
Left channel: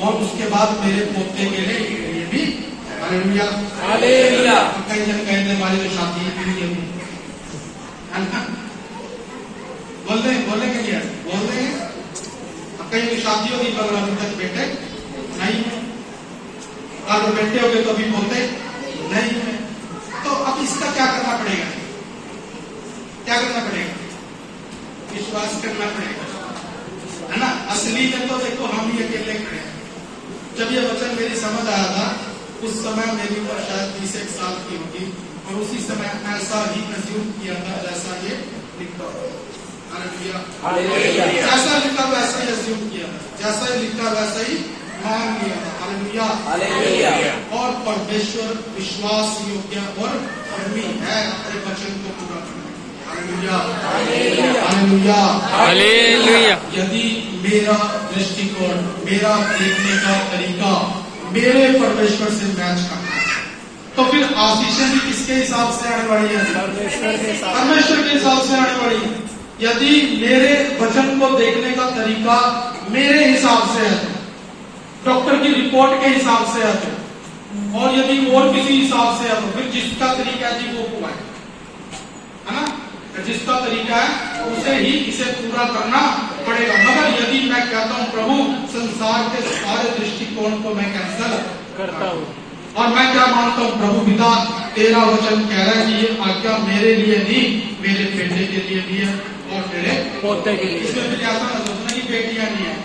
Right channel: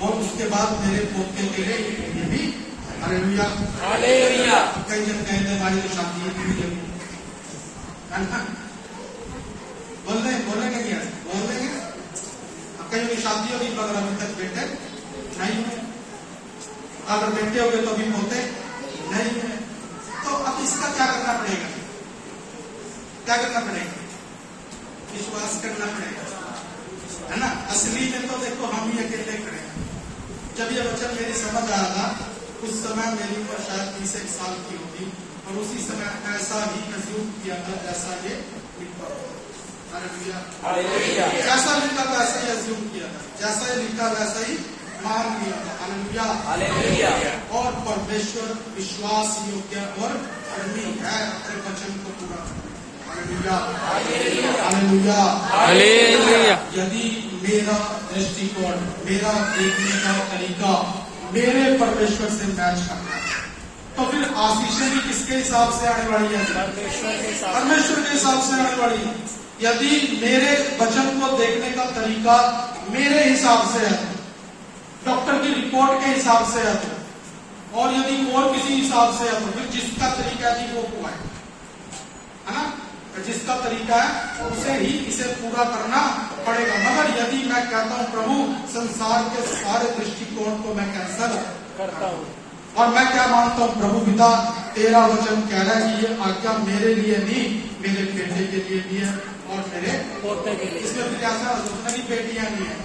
और उसके बाद मेरे पोते के लिए भी। Hallelujah hallelujah. कई जन कहने वाले जो शादी है बोलेंगे क्या? बोल देंगे। कहीं की शादी होगी मगर अभी तक बेटे नहीं है, अगर बेटे हो गए तो अभी पोते नहीं है। तो अब इसका क्या करना पड़ेगा? क्या करना पड़ेगा? विश्वास करना पड़ेगा, है ना? असली में तो देखो हम ही अकेले खड़े हैं। जब ये वचन मेरी समझ आया था उस समय मेरी उम्र शायद 21 साल की होगी और उसी समय ऐसा ही अज्यूम किया था जैसा ये लिखा हुआ। हालेलुया। जैसा लिखा वैसा ही अज्यूम किया था, जैसा ही लिखा वैसा ही मान लिया था। Hallelujah hallelujah. और परमेश्वर विश्वास योग्य और कर्मी है अपने वचन को पूरा करने। Hallelujah, hallelujah, hallelujah. यदि मेरा दृष्टिकोण, मेरा देखने का तरीका मेरे परमेश्वर से मैच करता है, तो फिर आशीषें भी किसके हिसाब से आने वाली है? परमेश्वर के हिसाब से आने वाली है। यदि मेरे वचन को देखने का तरीका मेरे हिसाब से है, डॉक्टर की रिपोर्ट के हिसाब से है, और यदि और किसी हिसाब से है, तो फिर जिसका तरीका है जी वो हुआ है ना, जिसका तरीका है उसे ही इसे पूरा करना पड़ेगा। मगर यदि मैं कहता हूं प्रभु संसार के सारे दृष्टिकोण को मैं कैंसल करता हूं, और मैं क्या मानता हूं प्रभु पिता तेरा वचन कह रहा है कि ये आज्ञा मेरे लिए नहीं, मेरे बेटे के लिए भी है और मेरे पोते के लिए। इसमें फिर ऐसा ना सोचना कि बेटियां नहीं है।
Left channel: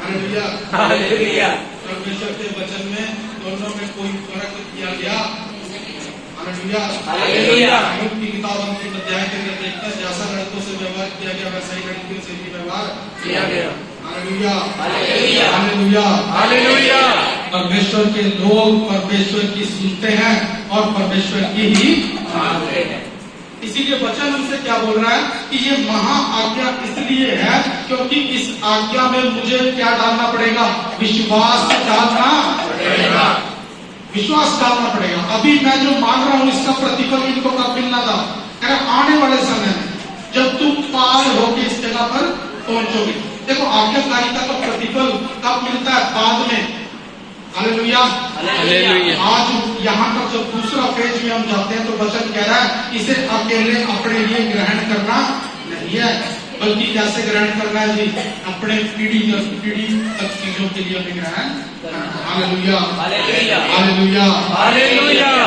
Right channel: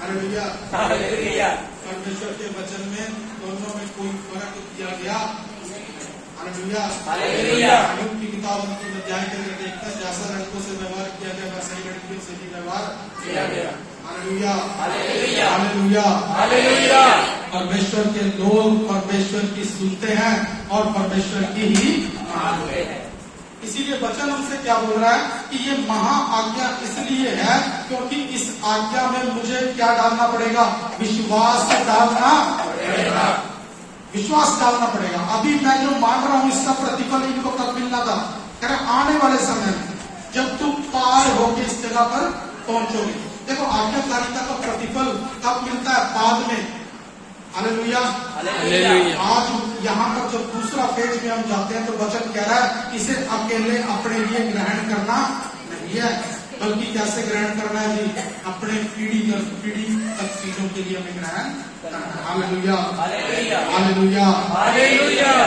Hallelujah, hallelujah. परमेश्वर के वचन में दोनों में कोई फर्क किया गया। Hallelujah, hallelujah. योग की किताब अंतिम अध्याय के अंदर देखते हैं, जैसा लड़कों से व्यवहार किया गया वैसा ही लड़कियों से भी व्यवहार किया गया। Hallelujah, hallelujah, hallelujah, hallelujah. परमेश्वर के लोग परमेश्वर की सुनते हैं और परमेश्वर की ही मानते हैं। इसीलिए वचन उनसे क्या बोल रहा है कि ये महा आज्ञा इसलिए है क्योंकि इस आज्ञा में मुझे क्या डालना पड़ेगा? विश्वास डालना पड़ेगा, विश्वास डालना पड़ेगा। अभी मैं जो मांग रहा हूं इसका प्रतिफल इनको कब मिलना था? कह रहा आने वाले समय में जब तुम पार होके इस जगह पर पहुंचोगे। देखो आज्ञाकारिता का प्रतिफल कब मिलता है? बाद में। Hallelujah, hallelujah. आज यहाँ का जो दूसरा फेज में हम जाते हैं तो वचन कह रहा है इसे अकेले अपने लिए ग्रहण करना नहीं है, बल्कि कैसे ग्रहण करना है जी? अपने पीढ़ी दर पीढ़ी तक चीजों के लिए हमें ग्रहण करना। Hallelujah, hallelujah, hallelujah, hallelujah.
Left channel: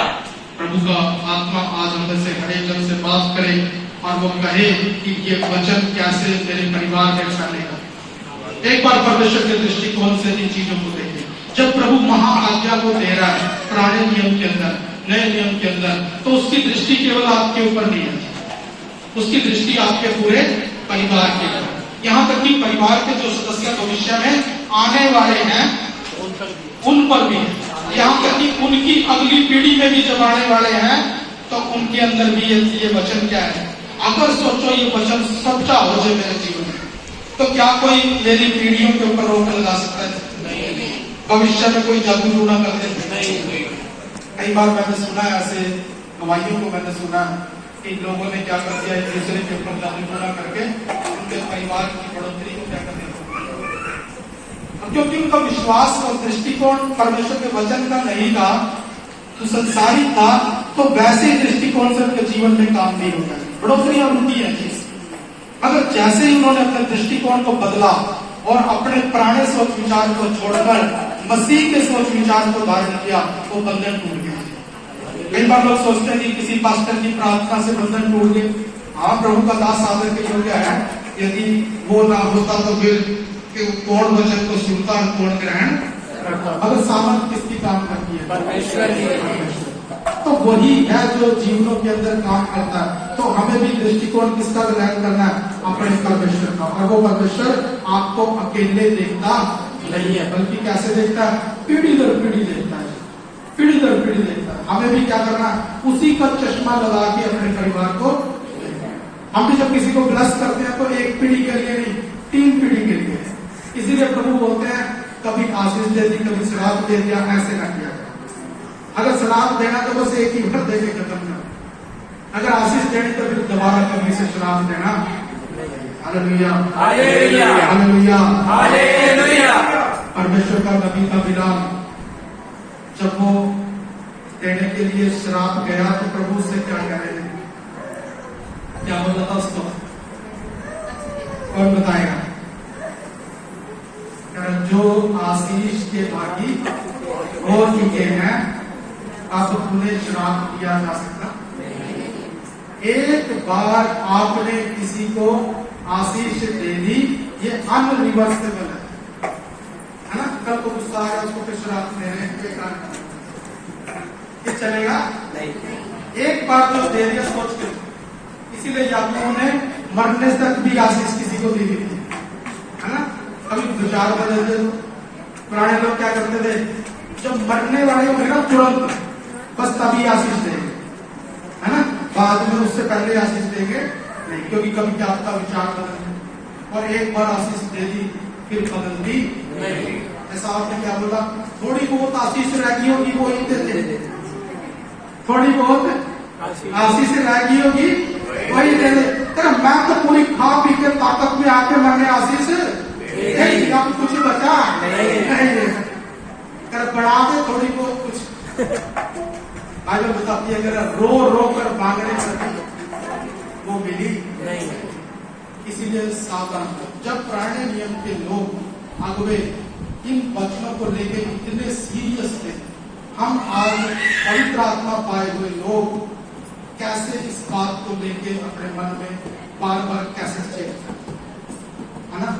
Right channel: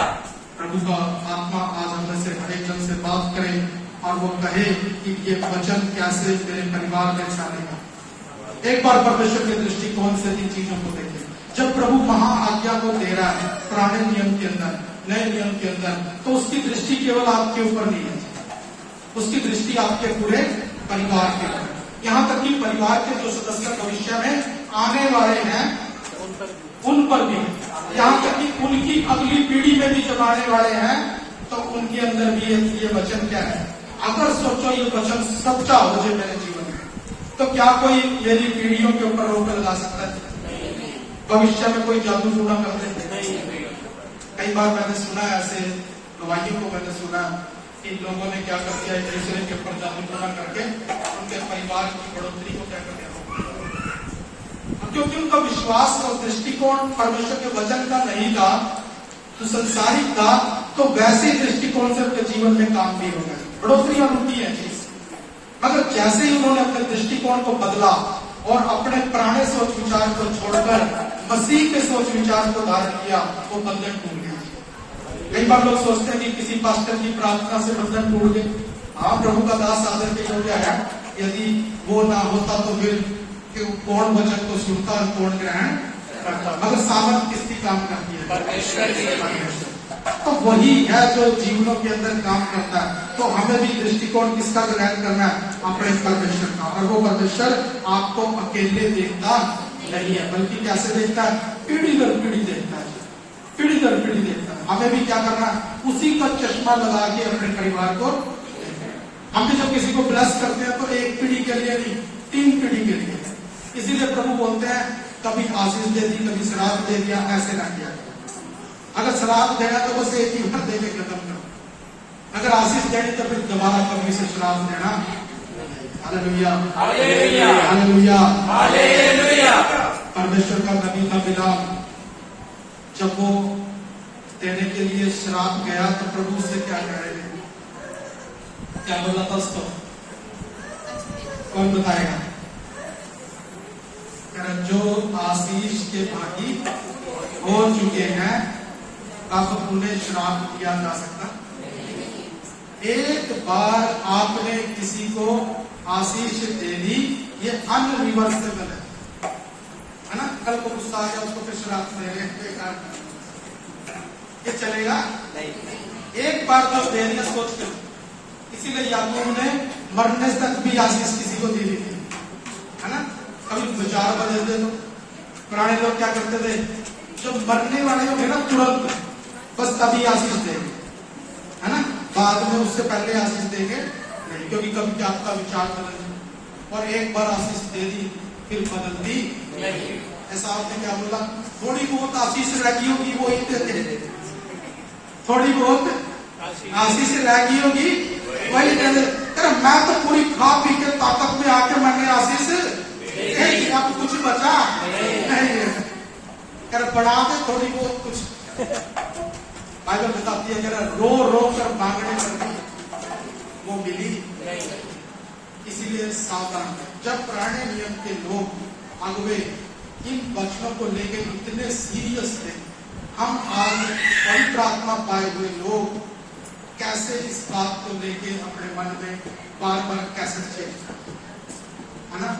प्रभु का आत्मा आज हम से हर एक जन से बात करे और वो कहे कि ये वचन कैसे मेरे परिवार में फैलेगा। एक बार परमेश्वर के दृष्टिकोण से इन चीजों को देखें। जब प्रभु महा आज्ञा को दे रहा है पुराने नियम के अंदर, नए नियम के अंदर, तो उसकी दृष्टि केवल आपके ऊपर नहीं है, उसकी दृष्टि आपके पूरे परिवार के ऊपर। यहाँ तक कि परिवार के जो सदस्य भविष्य में आने वाले हैं उन पर भी, यहाँ तक कि उनकी अगली पीढ़ी में भी जब आने वाले हैं तो उनके अंदर भी ये वचन क्या है? अगर सोचो ये वचन सच्चा हो जाए मेरे जीवन में, तो क्या कोई मेरी पीढ़ियों के ऊपर रोक लगा सकता है? भविष्य में कोई जादू टूना कर देते? कई बार मैंने सुना है, ऐसे गवाहियों को मैंने सुना कि लोगों ने क्या कर दिया, एक दूसरे के ऊपर जादू टूना करके उनके परिवार की बढ़ोतरी को तय कर दिया। क्योंकि उनका विश्वास और दृष्टिकोण परमेश्वर के वचन का नहीं था, तो संसारिक था, तो वैसे दृष्टिकोण से उनके जीवन में काम नहीं होता है। बढ़ोतरी उनकी है चीज, अगर जैसे ही उन्होंने अपने दृष्टिकोण को बदला और अपने पुराने सोच विचार को छोड़कर मसीह के सोच विचार को धारण किया, वो बंधन टूट गया। कई बार लोग सोचते हैं कि किसी पास्टर की प्रार्थना से बंधन टूट गए। हाँ, प्रभु का दास आदर के योग्य है, यदि वो ना होता तो फिर कौन वचन को सुनता और कौन ग्रहण करता? अगर सामर्थ किसकी काम करती है? परमेश्वर की। तो वही है जो जीवनों के अंदर काम करता है। तो हमें भी दृष्टिकोण किसका ग्रहण करना है? अपने परमेश्वर का। और वो परमेश्वर आपको अकेले देखता नहीं है, बल्कि कैसे देखता है? पीढ़ी दर पीढ़ी देखता है, पीढ़ी दर पीढ़ी देखता है। हमें भी क्या करना है? उसी का चश्मा लगा के अपने परिवार को, हम भी जब किसी को ब्लेस करते हैं तो एक पीढ़ी के लिए नहीं, 3 पीढ़ी के लिए। इसीलिए प्रभु बोलते हैं कभी आशीष दे दी, कभी श्राप दे दिया, ऐसे ना किया। अगर श्राप देना तो बस एक ही बार दे के खत्म करो, अगर आशीष देनी तो फिर दोबारा कभी से श्राप देना। Hallelujah, hallelujah, hallelujah, hallelujah. परमेश्वर का नबी था बिलाम, जब वो देने के लिए श्राप गया तो प्रभु से क्या कह रहे थे? क्या बोला था उसको? कौन बताएगा? जो आशीष के भागी हो चुके हैं अब उन्हें श्राप किया जा सकता। एक बार आपने किसी को आशीष दे दी, ये अनरिवर्सेबल है ना? कल को गुस्सा आएगा, उसको फिर श्राप दे रहे हैं, ये चलेगा नहीं। एक बार जो दे दिया सोच के, इसीलिए याकूब ने मरने तक भी आशीष किसी को दी थी, है ना? कभी विचार बदलते, पुराने लोग क्या करते थे? जब मरने वाले को ना तुरंत बस तभी आशीष देंगे, है ना, बाद में उससे पहले आशीष देंगे नहीं, क्योंकि कभी क्या आपका विचार बदल, और एक बार आशीष दे दी फिर बदलती नहीं। ऐसा आपने क्या बोला, थोड़ी बहुत आशीष रह गई होगी वो ही देते, थोड़ी बहुत आशीष रह गई होगी वही दे दे। मैं तो पूरी खा पी के ताकत में आके मैंने आशीष नहीं, अब कुछ बचा नहीं, कर बढ़ा दे थोड़ी बहुत कुछ। बाइबल बताती है अगर रो रो कर मांगने पर वो मिली नहीं। इसीलिए सावधान, जब पुराने नियम के लोग अगवे इन वचनों को लेकर इतने सीरियस थे, हम आज पवित्र आत्मा पाए हुए लोग कैसे इस बात को लेके अपने मन में बार बार कैसे चेंज, है ना,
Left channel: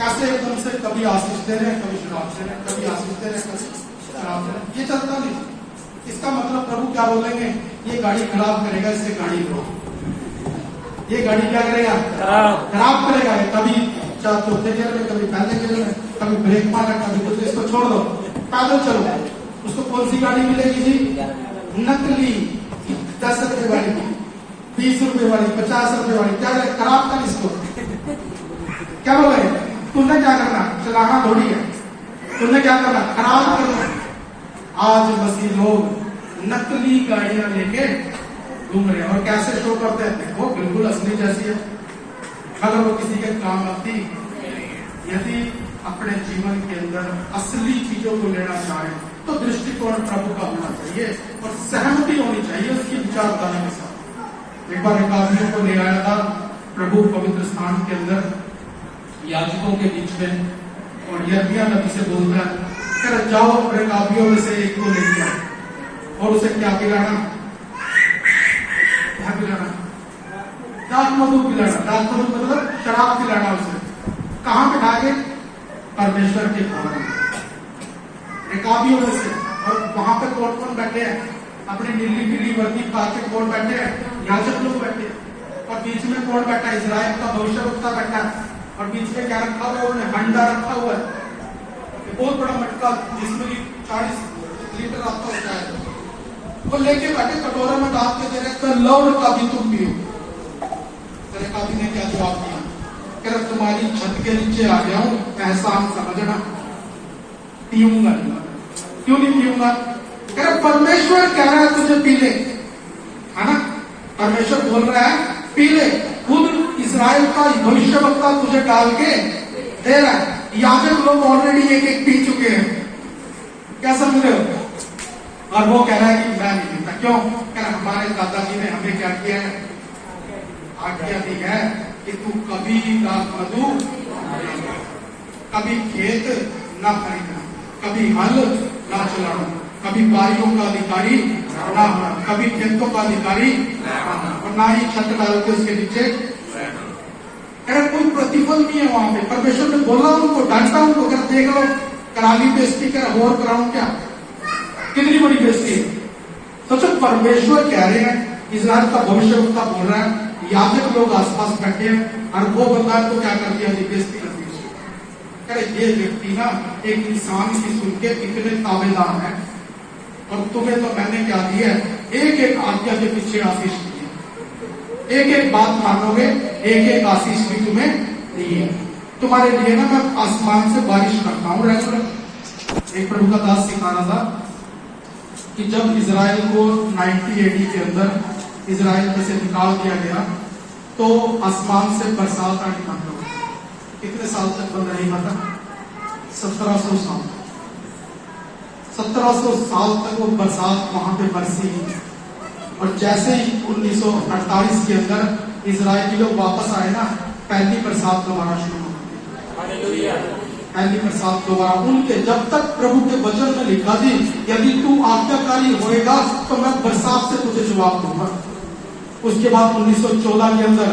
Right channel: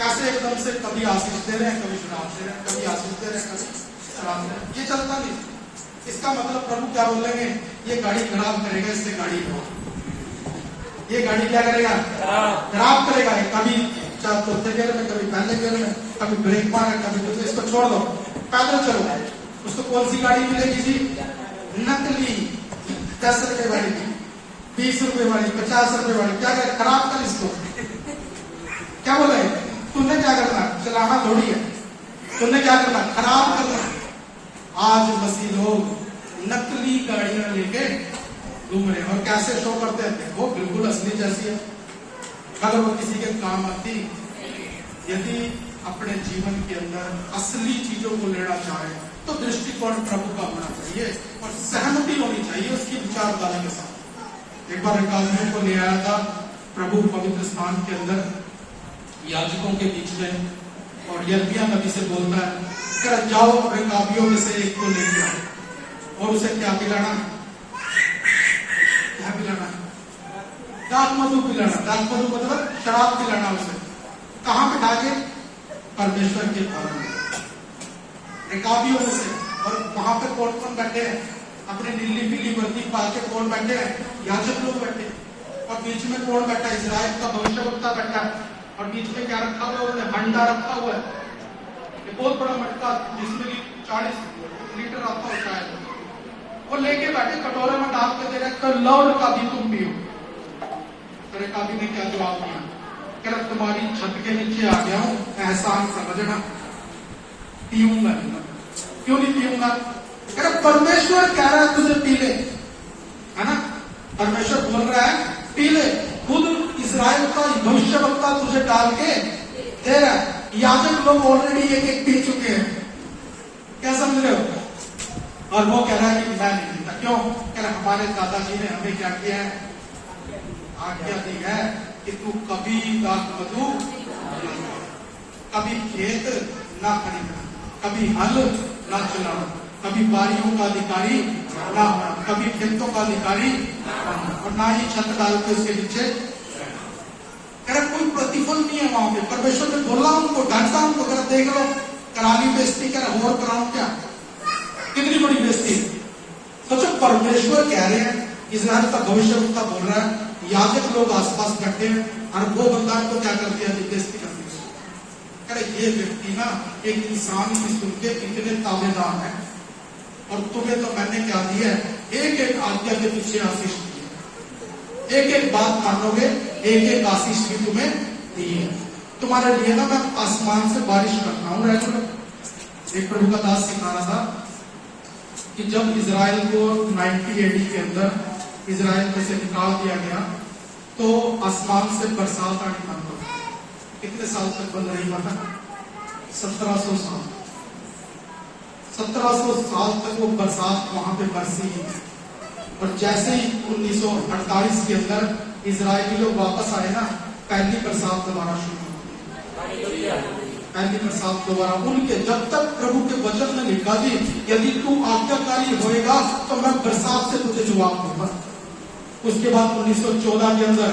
कैसे एकदम से कभी आशीष दे रहे हैं, कभी श्राप दे रहे हैं, कभी आशीष दे रहे हैं, कभी श्राप दे रहे हैं, ये चलता नहीं। इसका मतलब प्रभु क्या बोलेंगे, ये गाड़ी खराब करेगा, इससे गाड़ी लो, ये गाड़ी क्या करेगा, खराब करेगा, कभी चौथे गियर में, कभी पहले गियर में, कभी ब्रेक मारा, कभी कुछ, इसको छोड़ दो, पैदल चलो। उसको कौन सी गाड़ी मिलेगी जी, नकली 10 रुपए वाली, 20 रुपए वाली, 50 रुपए वाली, क्या खराब कर इसको। क्या बोले, तुमने क्या करना, चलाना थोड़ी है, तुमने क्या करना, खराब करना। आज मसीह लोग नकली गाड़ियां लेके घूम रहे हैं और कैसे शो करते हैं, वो बिल्कुल असली जैसी है, अगर वो किसी के काम आती। यदि अपने जीवन के अंदर असली चीजों को लेना चाहे तो दृष्टिकोण प्रभु का होना चाहिए और सहमति होनी चाहिए उसकी विचारधारा के साथ। एक बार एकाबियों को ले आया था प्रभु पवित्र स्थान के अंदर याजकों के बीच में, और यर्मिया नबी से बोलता है, कर जाओ अपने काबियों में से एक को लेके आओ और उसे क्या पिलाना, क्या पिलाना, दाख मधु पिलाना। दाख मधु मतलब शराब पिलाना उसे। कहाँ बिठा के, परमेश्वर के भवन में, एकाबियों में से। और वहां पर कौन कौन बैठे हैं, अपनी नीली पीली वर्दी पा के कौन बैठे हैं, याजक लोग बैठे हैं। और बीच में कौन बैठा है, इजराइल का भविष्यवक्ता बैठा है। और बीच में क्या रखा हुआ है, उन्हें हंडा रखा हुआ है, बहुत बड़ा मटका जिसमें 40 लीटर आता होता है, वो लेके बैठे कटोरे में डाल के दे रहे, तो लो का भी तुम पियो। तेरे काबी ने क्या जवाब दिया, कह रहा तुम्हारी छत के नीचे आ गया हूं, एहसान समझना, पीऊंगा नहीं। क्यों नहीं पीऊंगा, कह रहा परमेश्वर कह रहा है तुझे पी ले, है ना, परमेश्वर बोल रहा है पी ले। खुद इस्राएल का भविष्यवक्ता तुझे डाल के दे रहा है, याजक लोग ऑलरेडी एक एक पी चुके हैं, क्या समझ रहे हो। और वो कह रहा है कि मैं नहीं पीता, क्यों, कह रहा हमारे दादाजी ने हमें क्या किया है, आज्ञा दी है कि तू कभी दाख मधु, कभी खेत ना खरीदना, कभी हल ना चलाना, कभी बारियों का अधिकारी ना होना, कभी खेतों का अधिकारी और ना ही छत डाल के उसके नीचे। अगर कोई प्रतिफल नहीं है वहां पे, परमेश्वर ने बोला उनको, डांटा उनको, अगर देख लो कराली बेइज्जती कर और कराऊं क्या, कितनी बड़ी बेइज्जती। सोचो परमेश्वर कह रहे हैं, इस्राएल का भविष्यवक्ता बोल रहा है, याजक लोग आसपास बैठे हैं और वो बंदा तो क्या कर दिया, बेइज्जती कर दी उसकी। अरे ये व्यक्ति ना एक इंसान की सुन के इतने ताबेदार है, और तुम्हें तो मैंने क्या दिया है, एक एक आज्ञा के पीछे आशीष दी है, एक एक बात मानोगे, एक एक आशीष भी तुम्हें दी है। तुम्हारे लिए ना मैं आसमान से बारिश करता हूं रेगुलर। एक प्रभु का दास सिखा रहा था कि जब इजराइल को 90 AD के अंदर इजराइल में से निकाल दिया गया तो आसमान से बरसात आनी बंद हो गई। कितने साल तक बंद नहीं पता, 1700 साल, 1700 साल तक वो बरसात वहां पे बरसी ही। और जैसे ही 1948 के अंदर इजरायली लोग वापस आए ना, पहली बरसात दोबारा शुरू हो गई, पहली बरसात दोबारा उनके, जब तक प्रभु के वचन में लिखा थी यदि तू आज्ञाकारी होएगा तो मैं बरसात से तुझे जवाब दूंगा। उसके बाद 1914 के अंदर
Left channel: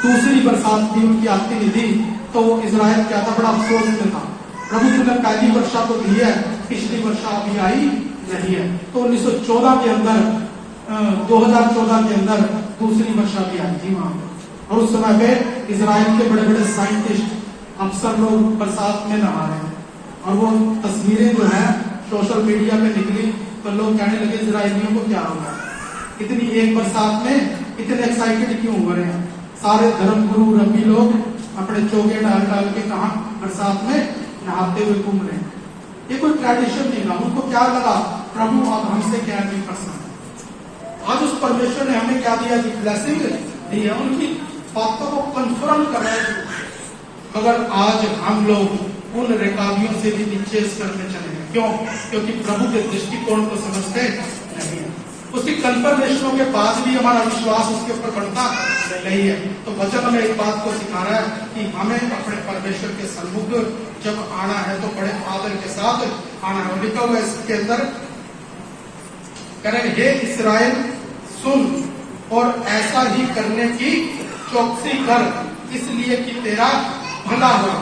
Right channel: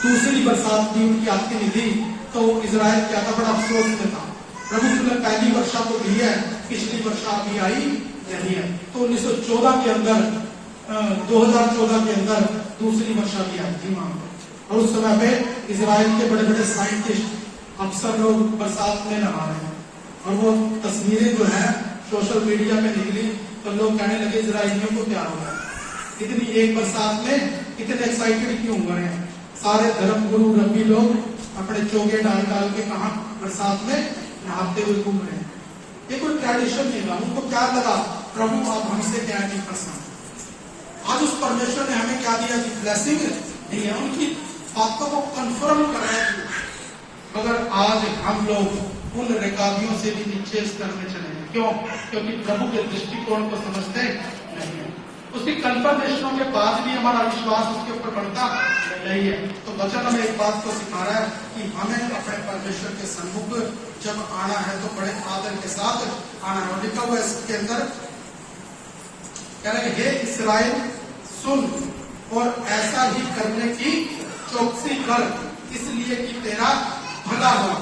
दूसरी बरसात भी उनकी आती नहीं थी, तो इजराइल क्या था, बड़ा अफसोस में था, प्रभु तुमने पहली वर्षा तो दी है, पिछली वर्षा अभी आई नहीं है। तो 1914 के अंदर 2014 के अंदर दूसरी वर्षा भी आई थी वहां, और उस समय पे इजराइल के बड़े बड़े साइंटिस्ट अफसर लोग बरसात में नहा रहे हैं। और वो तस्वीरें जो है सोशल मीडिया पे निकली तो लोग कहने लगे इजरायलियों को क्या हो रहा है, इतनी एक बरसात में इतने एक्साइटेड क्यों हो रहे हैं? सारे धर्म गुरु रब्बी लोग अपने चौके डाल डाल के कहा बरसात में नहाते हुए घूम रहे हैं। ये कोई ट्रेडिशन नहीं था, उनको क्या लगा प्रभु अब हमसे क्या नहीं पसंद। आज उस परमेश्वर ने हमें क्या दिया? ब्लेसिंग दी है, उनकी बातों को कंफर्म कर रहे हैं। मगर आज हम लोग उन रिकाबियों से भी नीचे करने चलेंगे। क्यों? क्योंकि प्रभु के दृष्टिकोण को समझते नहीं, उसकी कंफर्मेशनों के बाद भी हमारा विश्वास उसके ऊपर बढ़ता नहीं है। तो वचन में एक बात को सिखा रहा है कि हमें अपने परमेश्वर के सम्मुख जब आना है तो बड़े आदर के साथ आना है। लिखा हुआ इसके अंदर करेंगे, हे इस्राएल सुन और ऐसा ही करने की चौकसी कर, इसलिए कि तेरा भला हो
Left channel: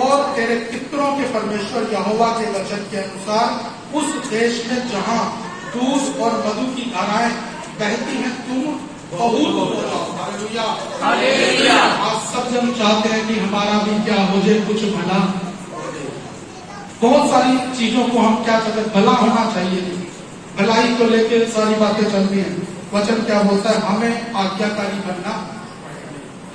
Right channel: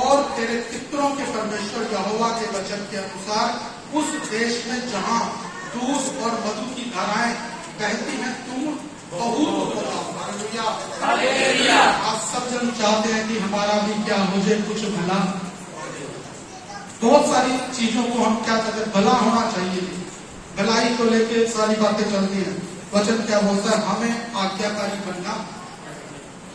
और तेरे पितरों के परमेश्वर यहोवा के वचन के अनुसार उस देश में जहां दूध और मधु की धाराएं बहती हैं तुम बहुत हो जाओ। हालेलुया। आप सब जन चाहते हैं कि हमारा भी क्या हो जाए, कुछ भला। बहुत सारी चीजों को हम क्या कहते हैं, भला होना चाहिए। भलाई को लेके सारी बातें चलती हैं। वचन क्या बोलता है? हमें आज्ञाकारी बनना,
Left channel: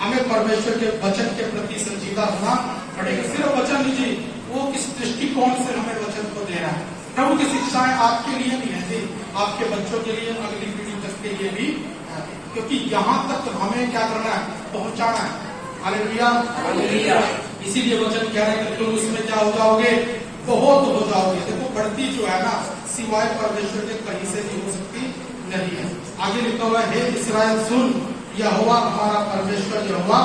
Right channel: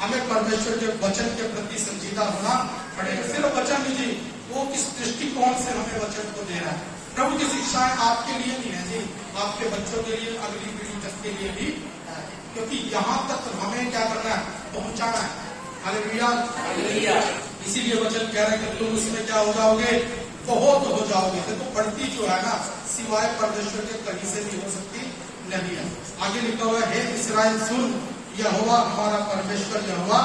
हमें परमेश्वर के वचन के प्रति संजीदा होना पड़ेगा। सिर्फ वचन नहीं, वो किस दृष्टिकोण से हमें वचन को दे रहा है। प्रभु की शिक्षाएं आपके लिए नहीं है जी, आपके बच्चों के लिए, अगली पीढ़ी तक के लिए भी, क्योंकि यहाँ तक हमें क्या करना है? पहुंचाना है। हालेलुया। इसीलिए वचन कह रहा है कि तुम इसमें क्या हो जाओगे? बहुत हो जाओगे। देखो बढ़ती जो है ना, सिवाय परमेश्वर के कहीं से नहीं हो सकती नहीं है। आगे लिखा हुआ है, हे इस्राएल सुन, यहोवा हमारा परमेश्वर यहोवा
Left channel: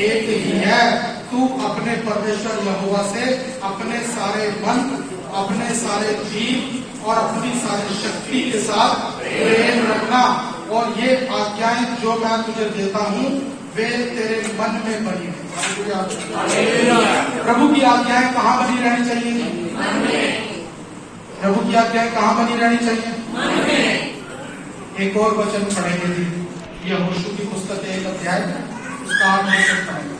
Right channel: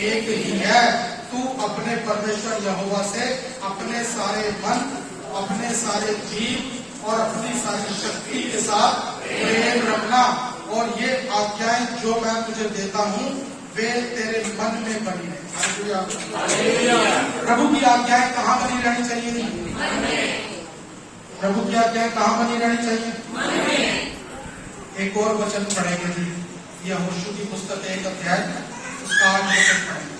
एक ही है। तू अपने परमेश्वर यहोवा से अपने सारे मन, अपने सारे जीव और अपनी सारी शक्ति के साथ प्रेम रखना, और ये आज्ञाएं जो मैं तुझे देता हूँ वे तेरे मन में बनी है। प्रभु की आज्ञाएं कहाँ बनी रहनी चाहिए? प्रभु की आज्ञाएं कहाँ बनी रहनी चाहिए? एक और वचन पढ़ेंगे जी, यहोशू की पुस्तक 1 अध्याय उसका 8 वचन पढ़ेंगे।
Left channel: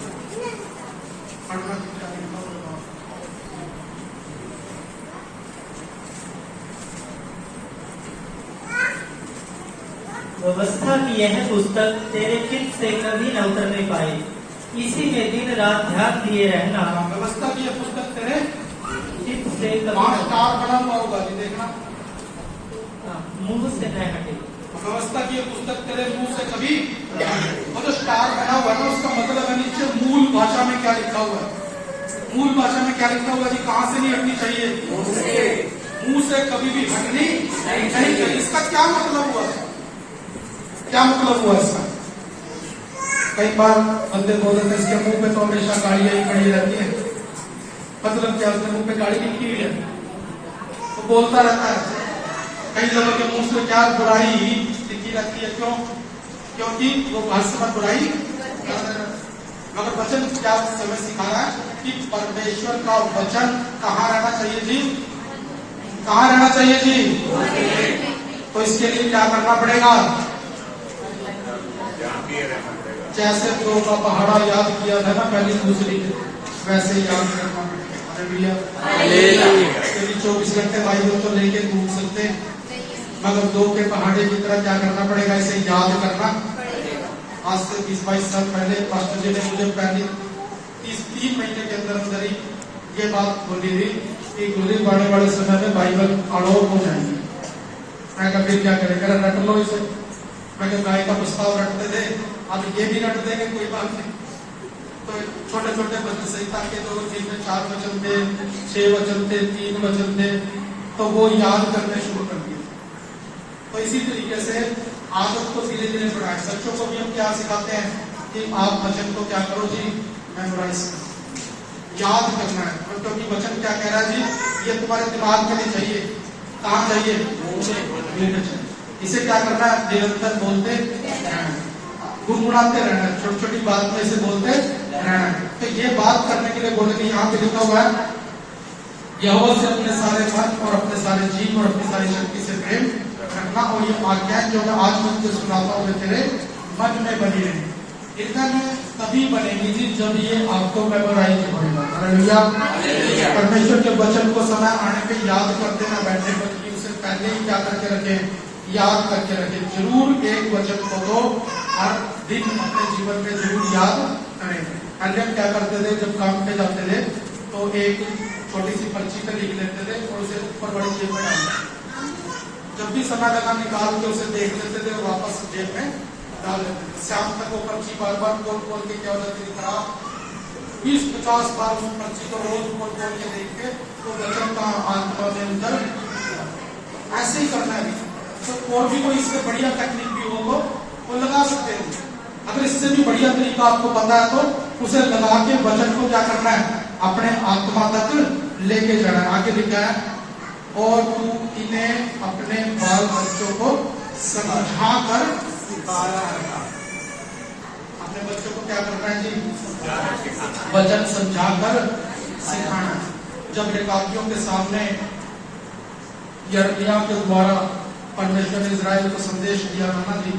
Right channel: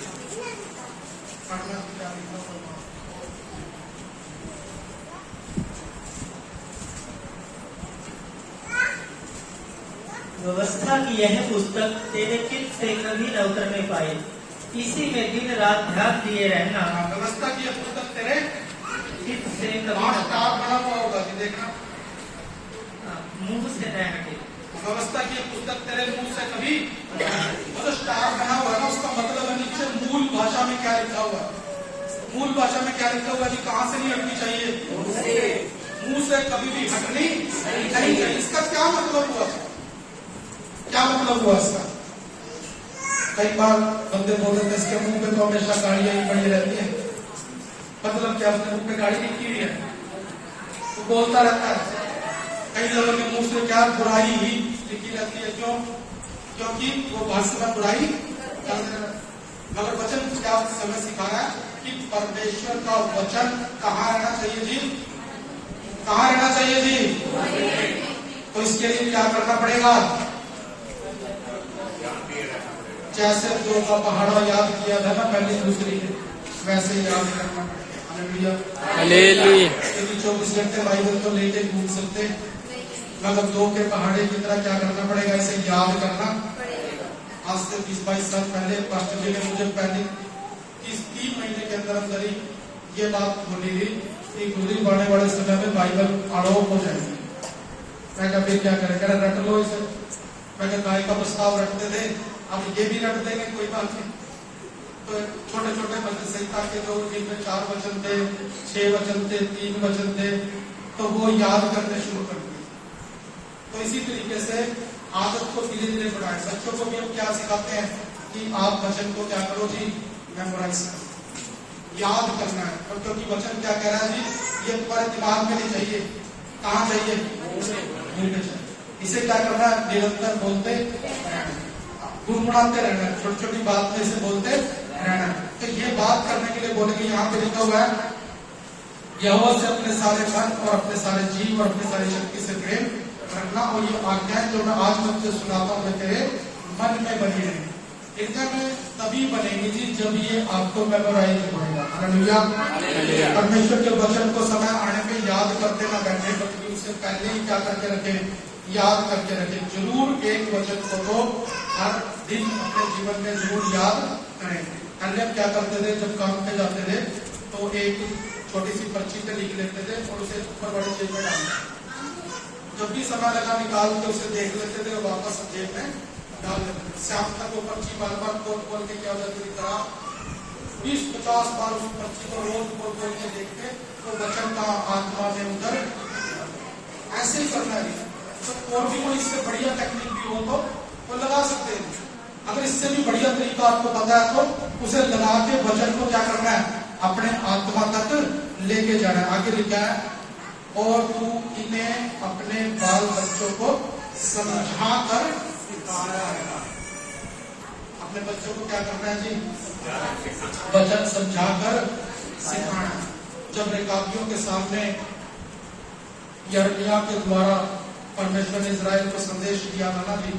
व्यवस्था की यह पुस्तक तेरे चित्त से कभी न उतरने पाए, इसी में दिन रात ध्यान दिए रहना। व्यवस्था की यह पुस्तक तेरे चित्त से कभी वहां स्टार बना हुआ होगा जी, देखना। मुंह से न हटे। व्यवस्था की यह पुस्तक तेरे मुंह से कभी, वो तो स्टार बना हुआ ना, उसका मतलब है नीचे मूल भाषा में क्या लिखा हुआ है? मूल भाषा में क्या लिखा हुआ जी? कहाँ से नहीं हटनी चाहिए? मुंह से कभी भी हटनी नहीं चाहिए। इसका क्या मतलब हुआ? क्या मतलब हुआ इसका? कई बार बंदे बोलते थे इसके मुंह पे तो हमेशा गाड़ियां ही खड़ी रहती है। मतलब क्या, उसके मुंह पे गाड़ी लिखी हुई है तो बोलता रहता है। कई लोगों के मुंह से क्या बुराई लिखी रहती है। क्यों? क्योंकि वो हर समय बुराई कर रहे हैं। मगर वचन क्या समय सिखा रहा है कि परमेश्वर का वचन कहाँ रहना चाहिए जी? कहाँ रहना चाहिए जी? तो इसके लिए क्या करना पड़ेगा? जैसे दो का पहाड़ा याद किया था ना पहले दूसरी के, वैसे याद करना पड़ेगा। क्योंकि 24 घंटे बाइबल तो नहीं के घूम सकते, मगर दो के पहाड़े की तरह क्या करना पड़ेगा? इसे याद करना। आज से 20-22 साल पहले पास्टर जी ने मुझे पहले 3 महीने के अंदर ही ये बात बोली थी कि गुजरी बड़े बड़े समय में बाइबल अड़ोप हो जाएंगे। मैं क्या फिर क्या करें? रट लो इसे। मैं क्या गाय का प्रस्ताव रटते थे, अब ये भी रट देंगे, कोई बात नहीं। तो छोटे छोटे पद संहिता के तो जिनमें 4 वचन थे, 6 वचन थे, 3 वचन थे, तो वो याद करने शुरू कर दिए। तो इसी तरीके से आदत को धीरे धीरे बढ़ाएं। बच्चों को भी हम क्या सिखाते हैं कि आप वचन को क्या करो जी? मेमोराइज करो, याद करना है। और क्योंकि वचन क्या कह रहा है जी? ये तुम्हारे दिमाग में नहीं चाहिए, कहाँ चाहिए? इसे क्या करना है? निरंतर बोलते गुनगुनाते रहना, छोटी छोटी बात में इसे बोलते रहना। तो ये बात करने के लिए बोलेंगे, यहाँ पे लिखा हुआ है यहोवा से अपने सारे मन और अपने सारे जीव और अपनी सारी शक्ति से प्रेम रखना, और ये आज्ञाएं जो मैं आज तुझे सुनाता हूँ तेरे मन में बनी रहे। इनका जो तभी बनेगी जी जब ये आपको मेमोराइज होगा। हालेलुया। परमेश्वर के वचन को समय आने पे याद करते ना बैठे, बल्कि उसे पहले ही क्या करके रखे? याद करके रखें, जरूर एक वचन को तो हर दिन अपने जीवन में जरूर याद करें। पहले हम क्या करते थे, जब काम पे जाते थे तो एक छोटी सी पर्ची पे लिख लेते थे और उसे ऊपर बड़ी जेब में डाल देते। जब भी समय लगा निकाल के उसे देख लेते थे और वापस जेब में डाल लेते थे। शाम तक वो पर्ची बार बार खोल के क्या होता था, 20-50 बार उस पर्ची को रोज खोल के देख के तो वचन का आत्मा में उतर ऐसे ही करना है। तो और भी कोई इससे बढ़िया टेक्निक भी हो तो वो लगा सकते हैं। अगर इससे भी बढ़िया तरीका आपको पता है तो उसे लगा के वचन को क्या करना है, अपने आत्मा तक लेके जाना है। आगे लिखा है, और तू इन्हें अपने बाल बच्चों को समझा कर सिखाना है। अपने बच्चों को क्या करना है जी, वचन समझा कर सिखाना। जब रेकाबियों के सामने यिर्मयाह के द्वारा परमेश्वर ने इजराइल को संदेश दिया था ना जी,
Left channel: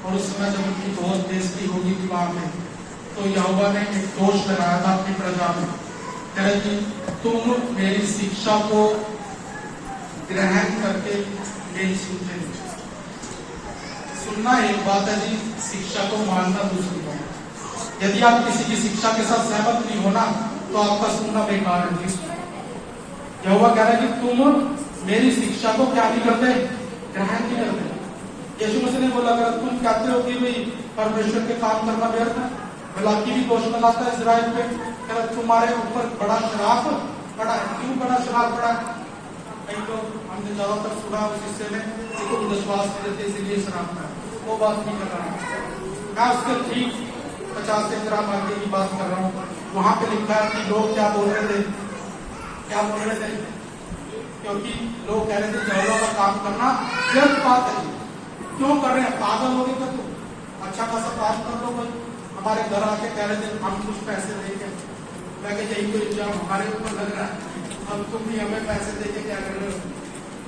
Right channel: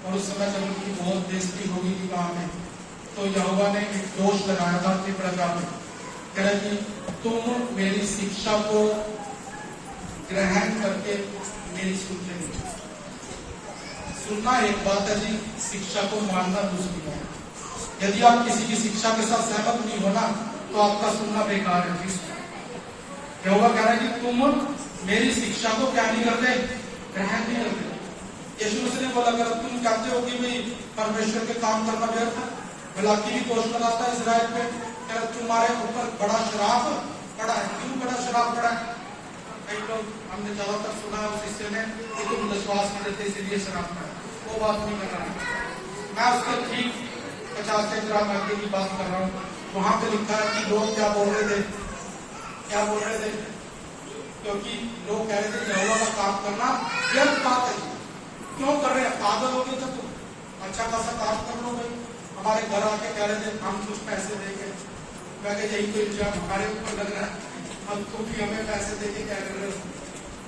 और उस समय जब उनकी बहुत बेइज्जती होगी थी वहां में, तो यहोवा ने एक दोष लगाया था अपनी प्रजा में, कह रहे कि तुम मेरी शिक्षा को ग्रहण करते नहीं सुनते। सुनना एक बात है जी, शिक्षा को मानना दूसरी बात है। यदि आप किसी की शिक्षा के साथ सहमत नहीं होना तो आपका सुनना बेकार है। यहोवा कह रहा है कि तुम मेरी शिक्षा को क्या नहीं करते, ग्रहण नहीं करते। यीशु मसीह ने बोला, अगर तुम कहते हो कि भाई परमेश्वर पे काम करना व्यर्थ है, मलाकी भी घोषणा लाता है इजराइल पे, अगर तुम्हारे ऊपर बड़ा शराप पड़ा है। क्यों बड़ा शराप पड़ा है? कई लोग हमने ज्यादातर सुना उस हिस्से में कि तुम विश्वास करते इसलिए शराप पड़ा। वो बात नहीं कर रहा मैं, उसके ठीक 50 से ग्राम आगे की बात कर रहा हूँ। वहां पे लिखा है कि लोग क्या बोल रहे थे, क्या बोल रहे थे, क्योंकि लोग कह रहे थे जहलों का काम करना व्यर्थ बात है। क्यों कर रहे हैं, पागल हो गए तो तुम अच्छा खासा काम कर लो। भाई हमारे घर आके कह रहे थे हम कुछ पैसे देंगे, मैं कहते यही कोई इल्जाम हमारे ऊपर लग रहा है, हम तुम भी हमें पैसे देके क्या कर रहे हो,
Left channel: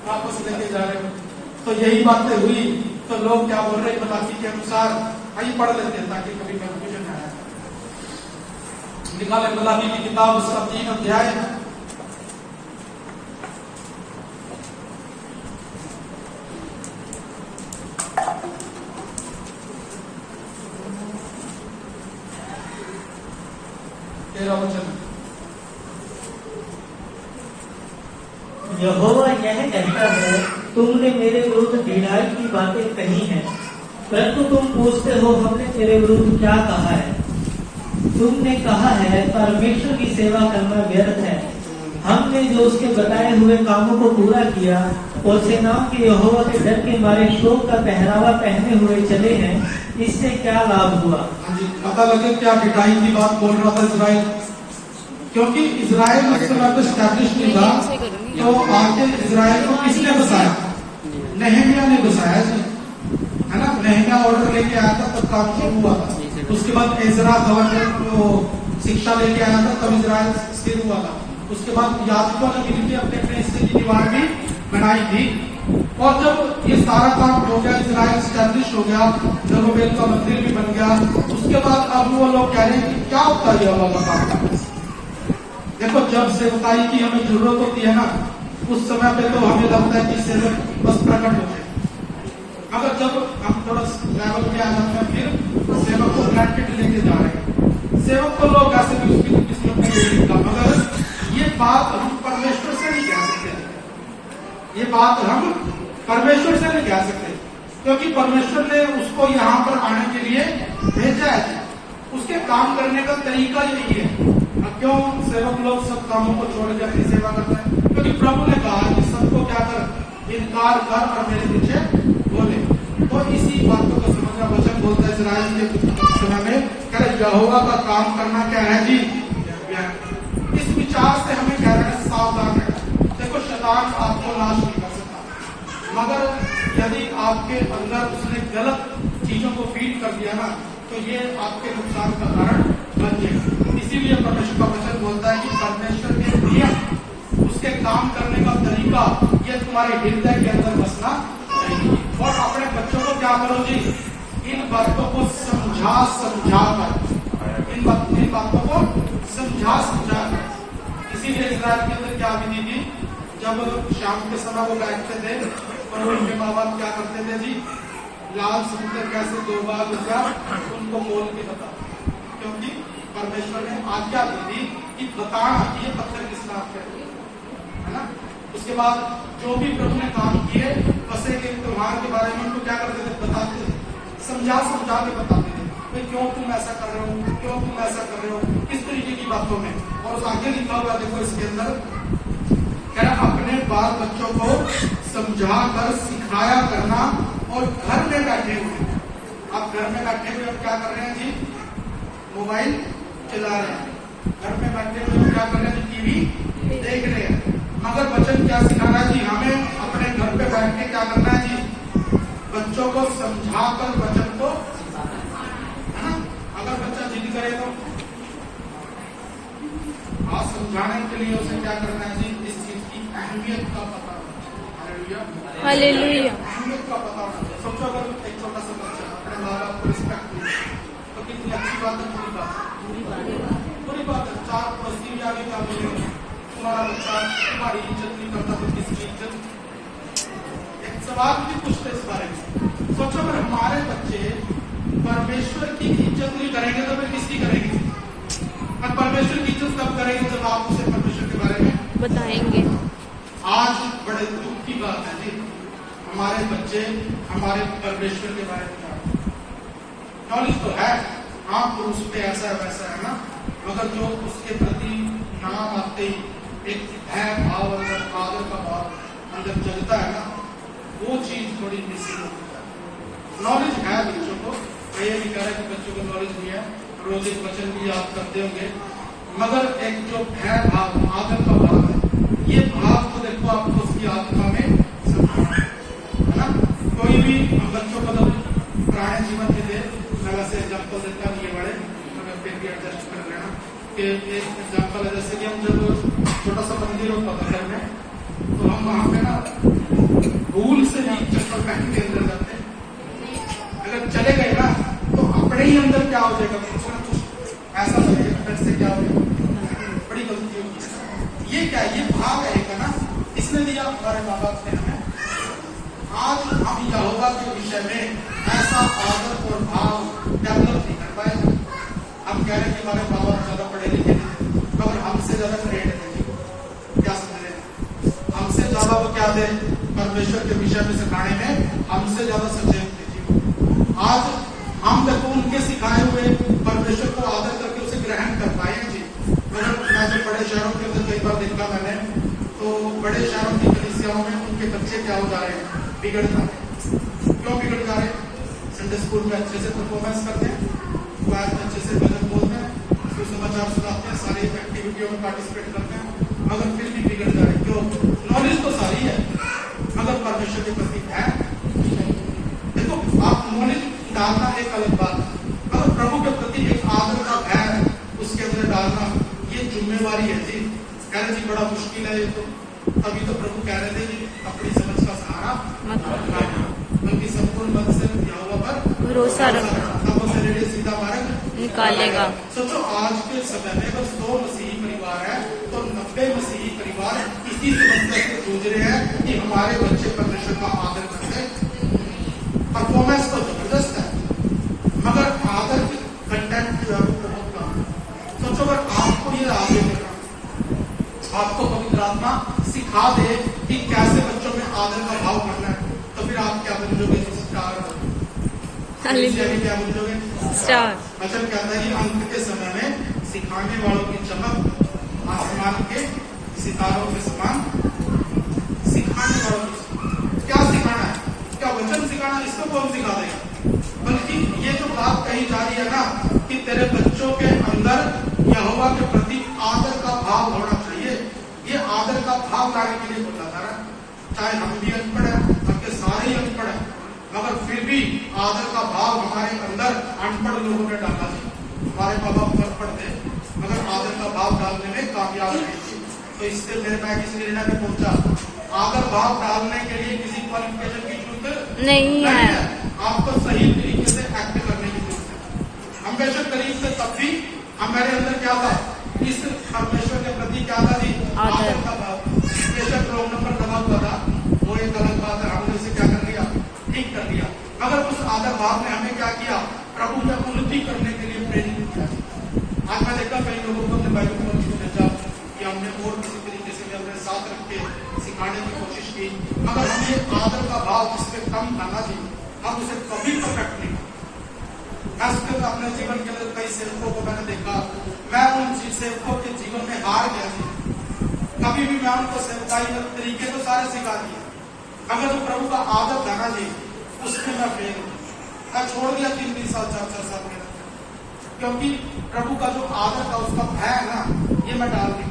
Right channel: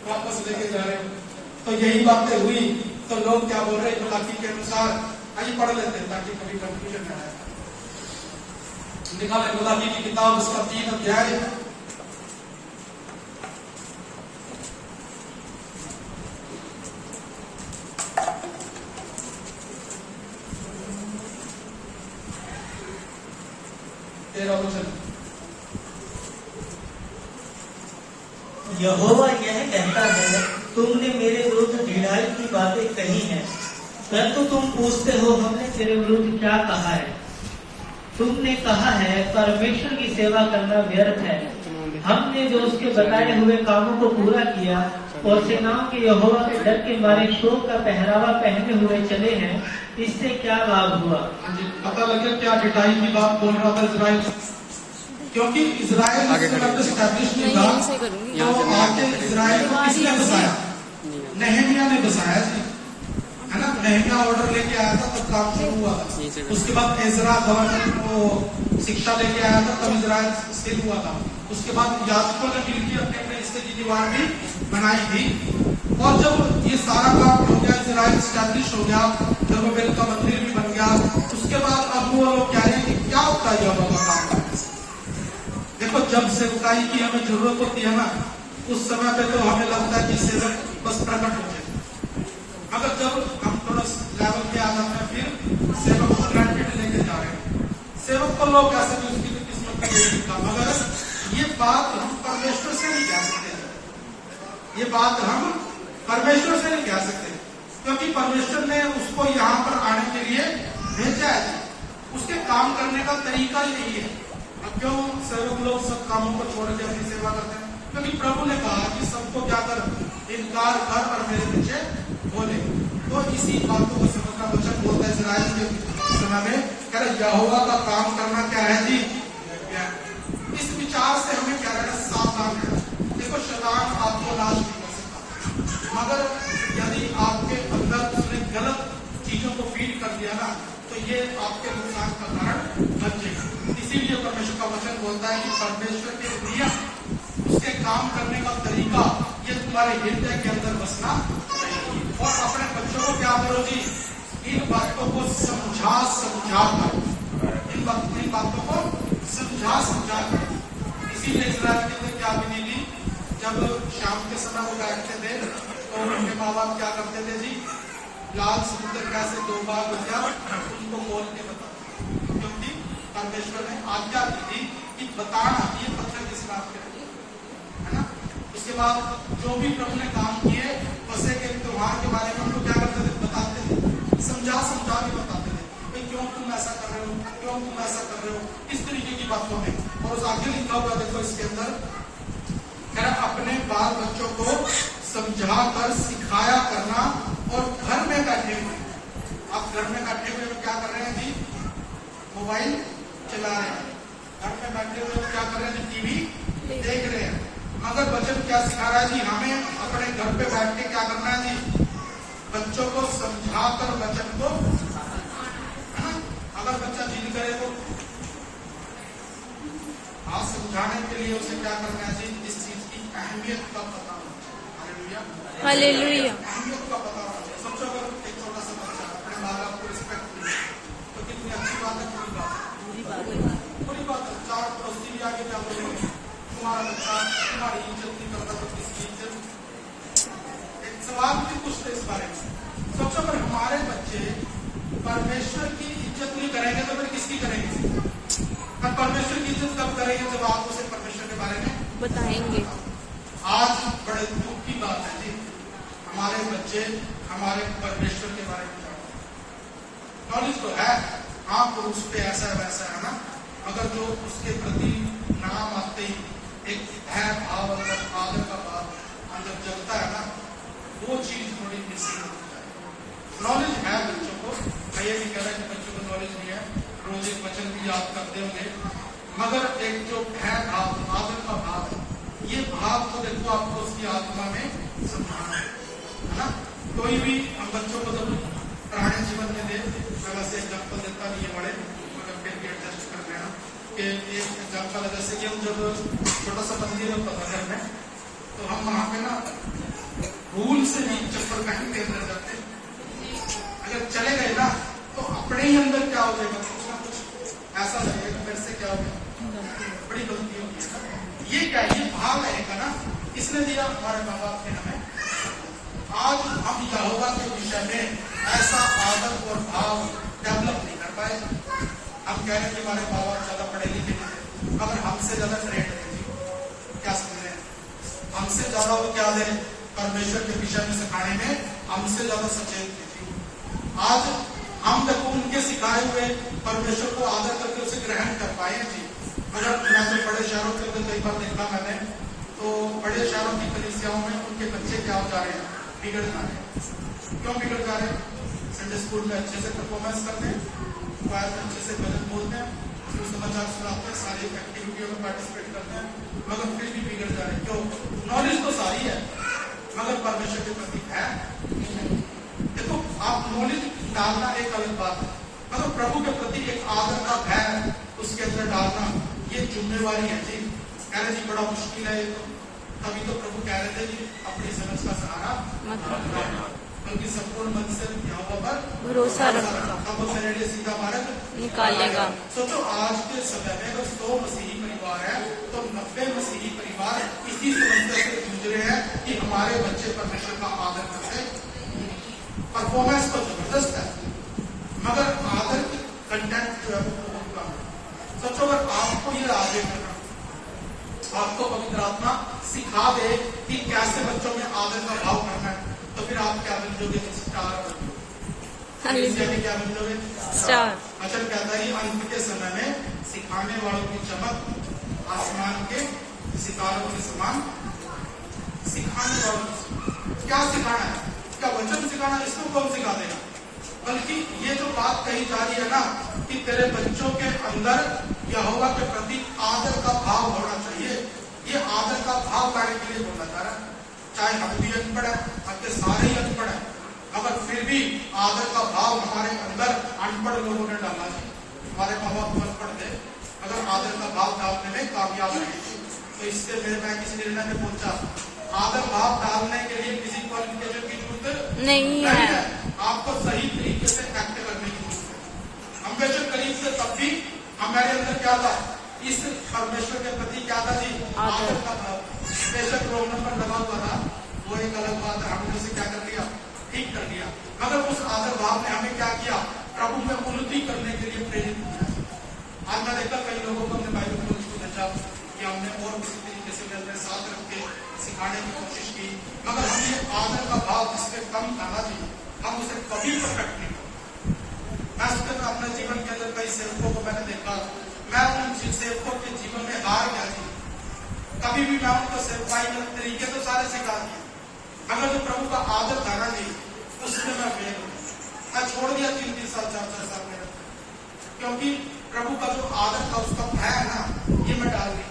वापस लेके जा रहे हो। तो यही बातें हुई तो लोग क्या बोल रहे हैं, मलाकी के अनुसार आइए पढ़ लेते हैं ताकि कभी कंफ्यूजन ना आए। निकाले मलाकी की किताब, उसका 3 अध्याय, यहोवा यह कहता है, तुमने मेरे विरुद्ध ढिठाई की बातें कही हैं, परंतु तुम पूछते हो हमने तेरे विरुद्ध क्या कहा है। तुमने कहा है परमेश्वर की सेवा करना व्यर्थ है। हमने जो उसके बताए हुए कामों को पूरा किया और सेनाओं के यहोवा के डर के मारे शोक का पहरावा पहने हुए चले हैं, इससे क्या लाभ हुआ? पता लगे क्या ढिठाई की बात बोल रहा था इजराइल, क्योंकि इजराइल इस समय स्टैब्लिश नहीं था। तो आके इजराइल को किसने बसाया, नहमिया ने बसाया जी, है ना। नहमिया ऑर्डर लेके आया था तो काम शुरू हुआ था। उसके बाद एजरा गवर्नर को शिक्षा लेके आया था तो इजराइल स्थिर हुआ था। उसके बाद याजकों ने मिलकर अपने अपने हिस्से की दीवार भी बनाई थी। और जब ये सारा काम हो गया, इजराइल स्टैब्लिश हो गया, जरूबेल का मंदिर भी बन गया, उसके बाद अब वो लोग कह रहे हैं कि क्या होता है यहोवा का काम। देखो जब सेवकाई की हमें जरूरत होती है ना, उस समय पे तो हमें लगता है कि सेवक बस प्रकट होते हैं। अगर जब हम थोड़ा लेवल पे आ जाते हैं, फिर सेवक को प्रैक्टिस लेके जा रहे हैं। सेवक को लोग ऐसे भी उसकी किस्मत में देगा, मगर ये बात हम परमेश्वर से नहीं कह सकते। ये बात हम परमेश्वर से नहीं कह सकते, क्योंकि परमेश्वर ने उसको यहाँ पर आने के लिए भेजा है। उसके काम करने का तरीका यही है। अब क्यों सेवक लोग सब कामों को छोड़ के अपनी सेवा करते हैं? क्योंकि प्रभु ने कहा कि सबको क्या कर, इनकार कर और मेरे पीछे बोले। तो इसी बातों को समझना वचन बोलता है इजराइल के समय में, कह यहोवा का काम करना क्या है जी, इस विचार से हमें कह रहे हैं सावधान है। देखो शैतान आपको नाश नहीं कर सकता, मगर यदि आपके अंदर उसने गलत चीजों को फीड कर दिया ना, तो ये आपके नुकसान का कारण बन जाएगा। इसीलिए परमेश्वर का वचन बोलता है कि परमेश्वर के नियम, उसके काम करने का तरीका, ये तुम्हारे हृदय के अंदर बसना चाहिए। और अपने बच्चों को क्या करो जी, इन बातों को समझा कर, इन बातों को समझा कर। इसीलिए इजराइल के अंदर क्या विधि थी, जब शाम के समय वो बैठते थे तो उनके माँ बाप क्या करते थे जी, लाल समुद्र कैसे 2 बार बचा उनको बोल के बता, क्योंकि परमेश्वर ने आज्ञा दी थी कि बताना ये पत्थर किस नाम पे है ना। उसके बाद जो भी प्रभु ने काम किए फंसे के त्योहार के बारे में उनको क्या करते थे, बताते थे, समझा के बताते थे, भाई क्यों तुम ऐसा कर रहे हो, क्यों तुम ऐसा कर रहे हो, इस तरीके की बातों में। और उस आगे लिखा हुआ देखो इसके अंदर, अपने बाल बच्चों को समझा कर सिखाया करना, और घर में बैठे हुए, आप घर में बैठे हुए क्या कर रहे हैं जी, मोबाइल चला रहे हैं, घर में बैठे हुए क्या कर रहे हैं, टीवी देख रहे हैं। मगर वचन क्या सिखा रहा है जी, हमें अपने घर पे बैठ के क्या करना है जी, बच्चों को समझाकर वचन को, है ना। अगर बच्चा जिद करे तो आज समझाने के लिए उसे क्या करना है जी, इस चीज की अहमियत का पता होना, हालेलुया, अहमियत का पता होना चाहिए। सोचो अगर एक छोटा सा बच्चा अपने माँ बाप को रिस्पेक्ट मिले तो कितनी अच्छी बात है, बुरी बात है, बुरी बात है। 4 पड़ोसी भी आगे क्या बोलेंगे, तुम्हारा बच्चा तुम्हारी इज्जत नहीं करता तो किसकी इज्जत। एक सवाल भी पूछते इस बारे में, सोचो अगर हमारे बच्चे परमेश्वर की इज्जत नहीं करेंगे तो फिर किसकी करेंगे, और परमेश्वर की इज्जत कब करेंगे, जब आप उसे परमेश्वर के बारे में बताएंगे। आज बड़े दुख की बात है जी, हमारे बच्चे हमारे परमेश्वर के बारे में नॉलेज तो है, हाँ पुरुष पे ऐसा वैसा है ना, मगर जो उसके प्रति नाम आते ही एक भय भाव अंदर, आदर का भाव अंदर जगता है ना, वो चीज थोड़ी मिसिंग होती है। नॉलेज है बच्चों को, ये भी कह रहे हैं बच्चों को नॉलेज नहीं है, रोज एक वचन भी याद करते होंगे, मगर एक जो भय भाव, आदर का भाव है, ये भाव को देखो आपको उसकी आत्मा में समझाना है ना। कोई भी हम बच्चों को पुराने जीवन के थे, मैं वैसे एग्जाम्पल देता नहीं है बड़े, मगर फिर भी एडजस्ट कर लेना कि एक एग्जाम्पल है, जैसे कि हम जब छोटा सा मंदिर होता था घर में, तो हम वहां पे ना भूल से भी चप्पल पहन के अंदर जाते, अगर चले गए ना तो अपने ही अंदर क्या हो जाएगा, कुछ ना कुछ ऐसा लगेगा, फिर से क्या हो जाएगा, बड़ी गलती होगी। ये क्या है, ये भाव है ना, इसने दिया हमारे माँ बाप ने हमें। आज हम यहोवा के विषय में ऐसा आदर और भाव डेवलप नहीं कर पाए। हम कह रहे हैं कि हमारे माँ बाप ज्यादा पढ़े लिखे थे, मगर हमसे ज्यादा ट्रेंड थे, क्या समझ रहे हैं, हमसे ज्यादा वो क्या थे, परमेश्वर के विषय में सिखाने में हमसे ज्यादा सचेत थे। आज हम देखो उनके सिखाए हुए परमेश्वर को आदर करके उसे ग्रहण कर पाए जी। मगर मैं जो बड़े शहरों के अंदर कई बार देखा मैंने, तो बड़े शहरों की कलीसियाओं में उनके बच्चे क्या हो जा रहे हैं, बिगड़ जा रहे हैं। क्यों बिगड़ जा रहे हैं, संडे स्कूल में अच्छे से परफॉर्मेंस करते हैं, क्लास में अच्छे से भजन बोलते हैं, उसको समाचार सुनाते हैं, सारी एक्टिविटियों में पार्टिसिपेट करते हैं, मगर फिर भी बिगड़ जा रहे हैं। क्यों, नॉलेज तो सारी है मगर परमेश्वर के प्रति है। देखो आप नॉलेज डालना एक अलग बात है, मगर प्रभु के प्रति एक आदर का भय उसके अंदर डालना ये जिम्मेवारी है जी। कह रहे जी बड़ा मुश्किल है ये, तो अभी तो प्रभु कह रहे थे कि अपनी समझ का सहारा मत लेना, बल्कि संपूर्ण मन से यहोवा पर भरोसा रखो, तब उसे नेड़े सीधा मार्ग निकालेगा। सोचो आज के समय में अगर 100 मसीही परिवार है तो 90 मसीही परिवार इसी समस्या से जूझ रहे हैं कि हमारे बच्चे परमेश्वर का आदर करते। परफॉर्मेंस तो जबरदस्त है मगर आदर की कंटेंट जो है वो बहुत कम है। सोचो अगर आपको ये आदर करना, आपको पवित्र आत्मा सिखा दे कि कैसे बच्चों में आदर का भाव करना है, तो फिर आप क्या बन जाओगे, क्या बन जाओगे, स्टार। वचन कहता है अंत के समय में सिखाने वालों की चमक आसमान के सितारों के समान। सिखाने वालों क्या सिखाना है, क्या वचन सिखाना, इसको कौन सिखा देगा, बल्कि ये जो बात कही जा रही है ना कि तेरे बच्चों के अंदर यहोवा के प्रति आदर का भाव होना चाहिए, ये आदर का भाव लाने के लिए बोला जा रहा है। चाहे हम भी अनपढ़ है, हमके सारे ही अनपढ़ है, मगर फिर भी आदर का भाव हमारे अंदर अनपढ़ लोगों ने डाला है। हमारे माँ बाप अनपढ़ थे मगर आदर का भाव डालने में कामयाब नहीं, तो इससे मैं किस निर्णय में पहुंचा, आदर भाव डालने के लिए किसी क्वालिफिकेशन की जरूरत नहीं है, आपको सही तरीके से एक्ट करने की जरूरत है। हम बेशक करीब से तब भी हमारे अंदर क्या था, इस परमेश्वर के प्रति क्या था जी, आदर का भाव। बेशक रोल नंबर लगा हुआ था वो एक अलग बात है, हमने उसे क्या कर लिया, ठीक कर लिया। मगर उस आदर भाव ने हमें क्या किया, प्रभु में उन्नति करने के लिए प्रेरित किया। आज मैं देखा कई लोगों को अपने बाइबल में लिखा था कि हमने और किसी तरीके से अपने साथ रख के सिखाने की कोशिश की, मगर हम ये आदर का भाव जिसपे कम था ना जी, हम उसे कभी परफेक्ट नहीं। मैं अपने जीवन के अंदर कई सेवकों को मैंने देखा, मैं उन सेवकों के जीवन में हार गया थी। कभी भी मैं उनको सेवकाई के तरीके तो सारे सिखा दिए, मगर जो प्रभु का आदर था ना जी, उसमें मैं फेल, मैं छोड़ दिया 3 साल 4 साल में, क्योंकि प्रभु का जो आदर था उसका भय है ना, ये मैं डाल दी।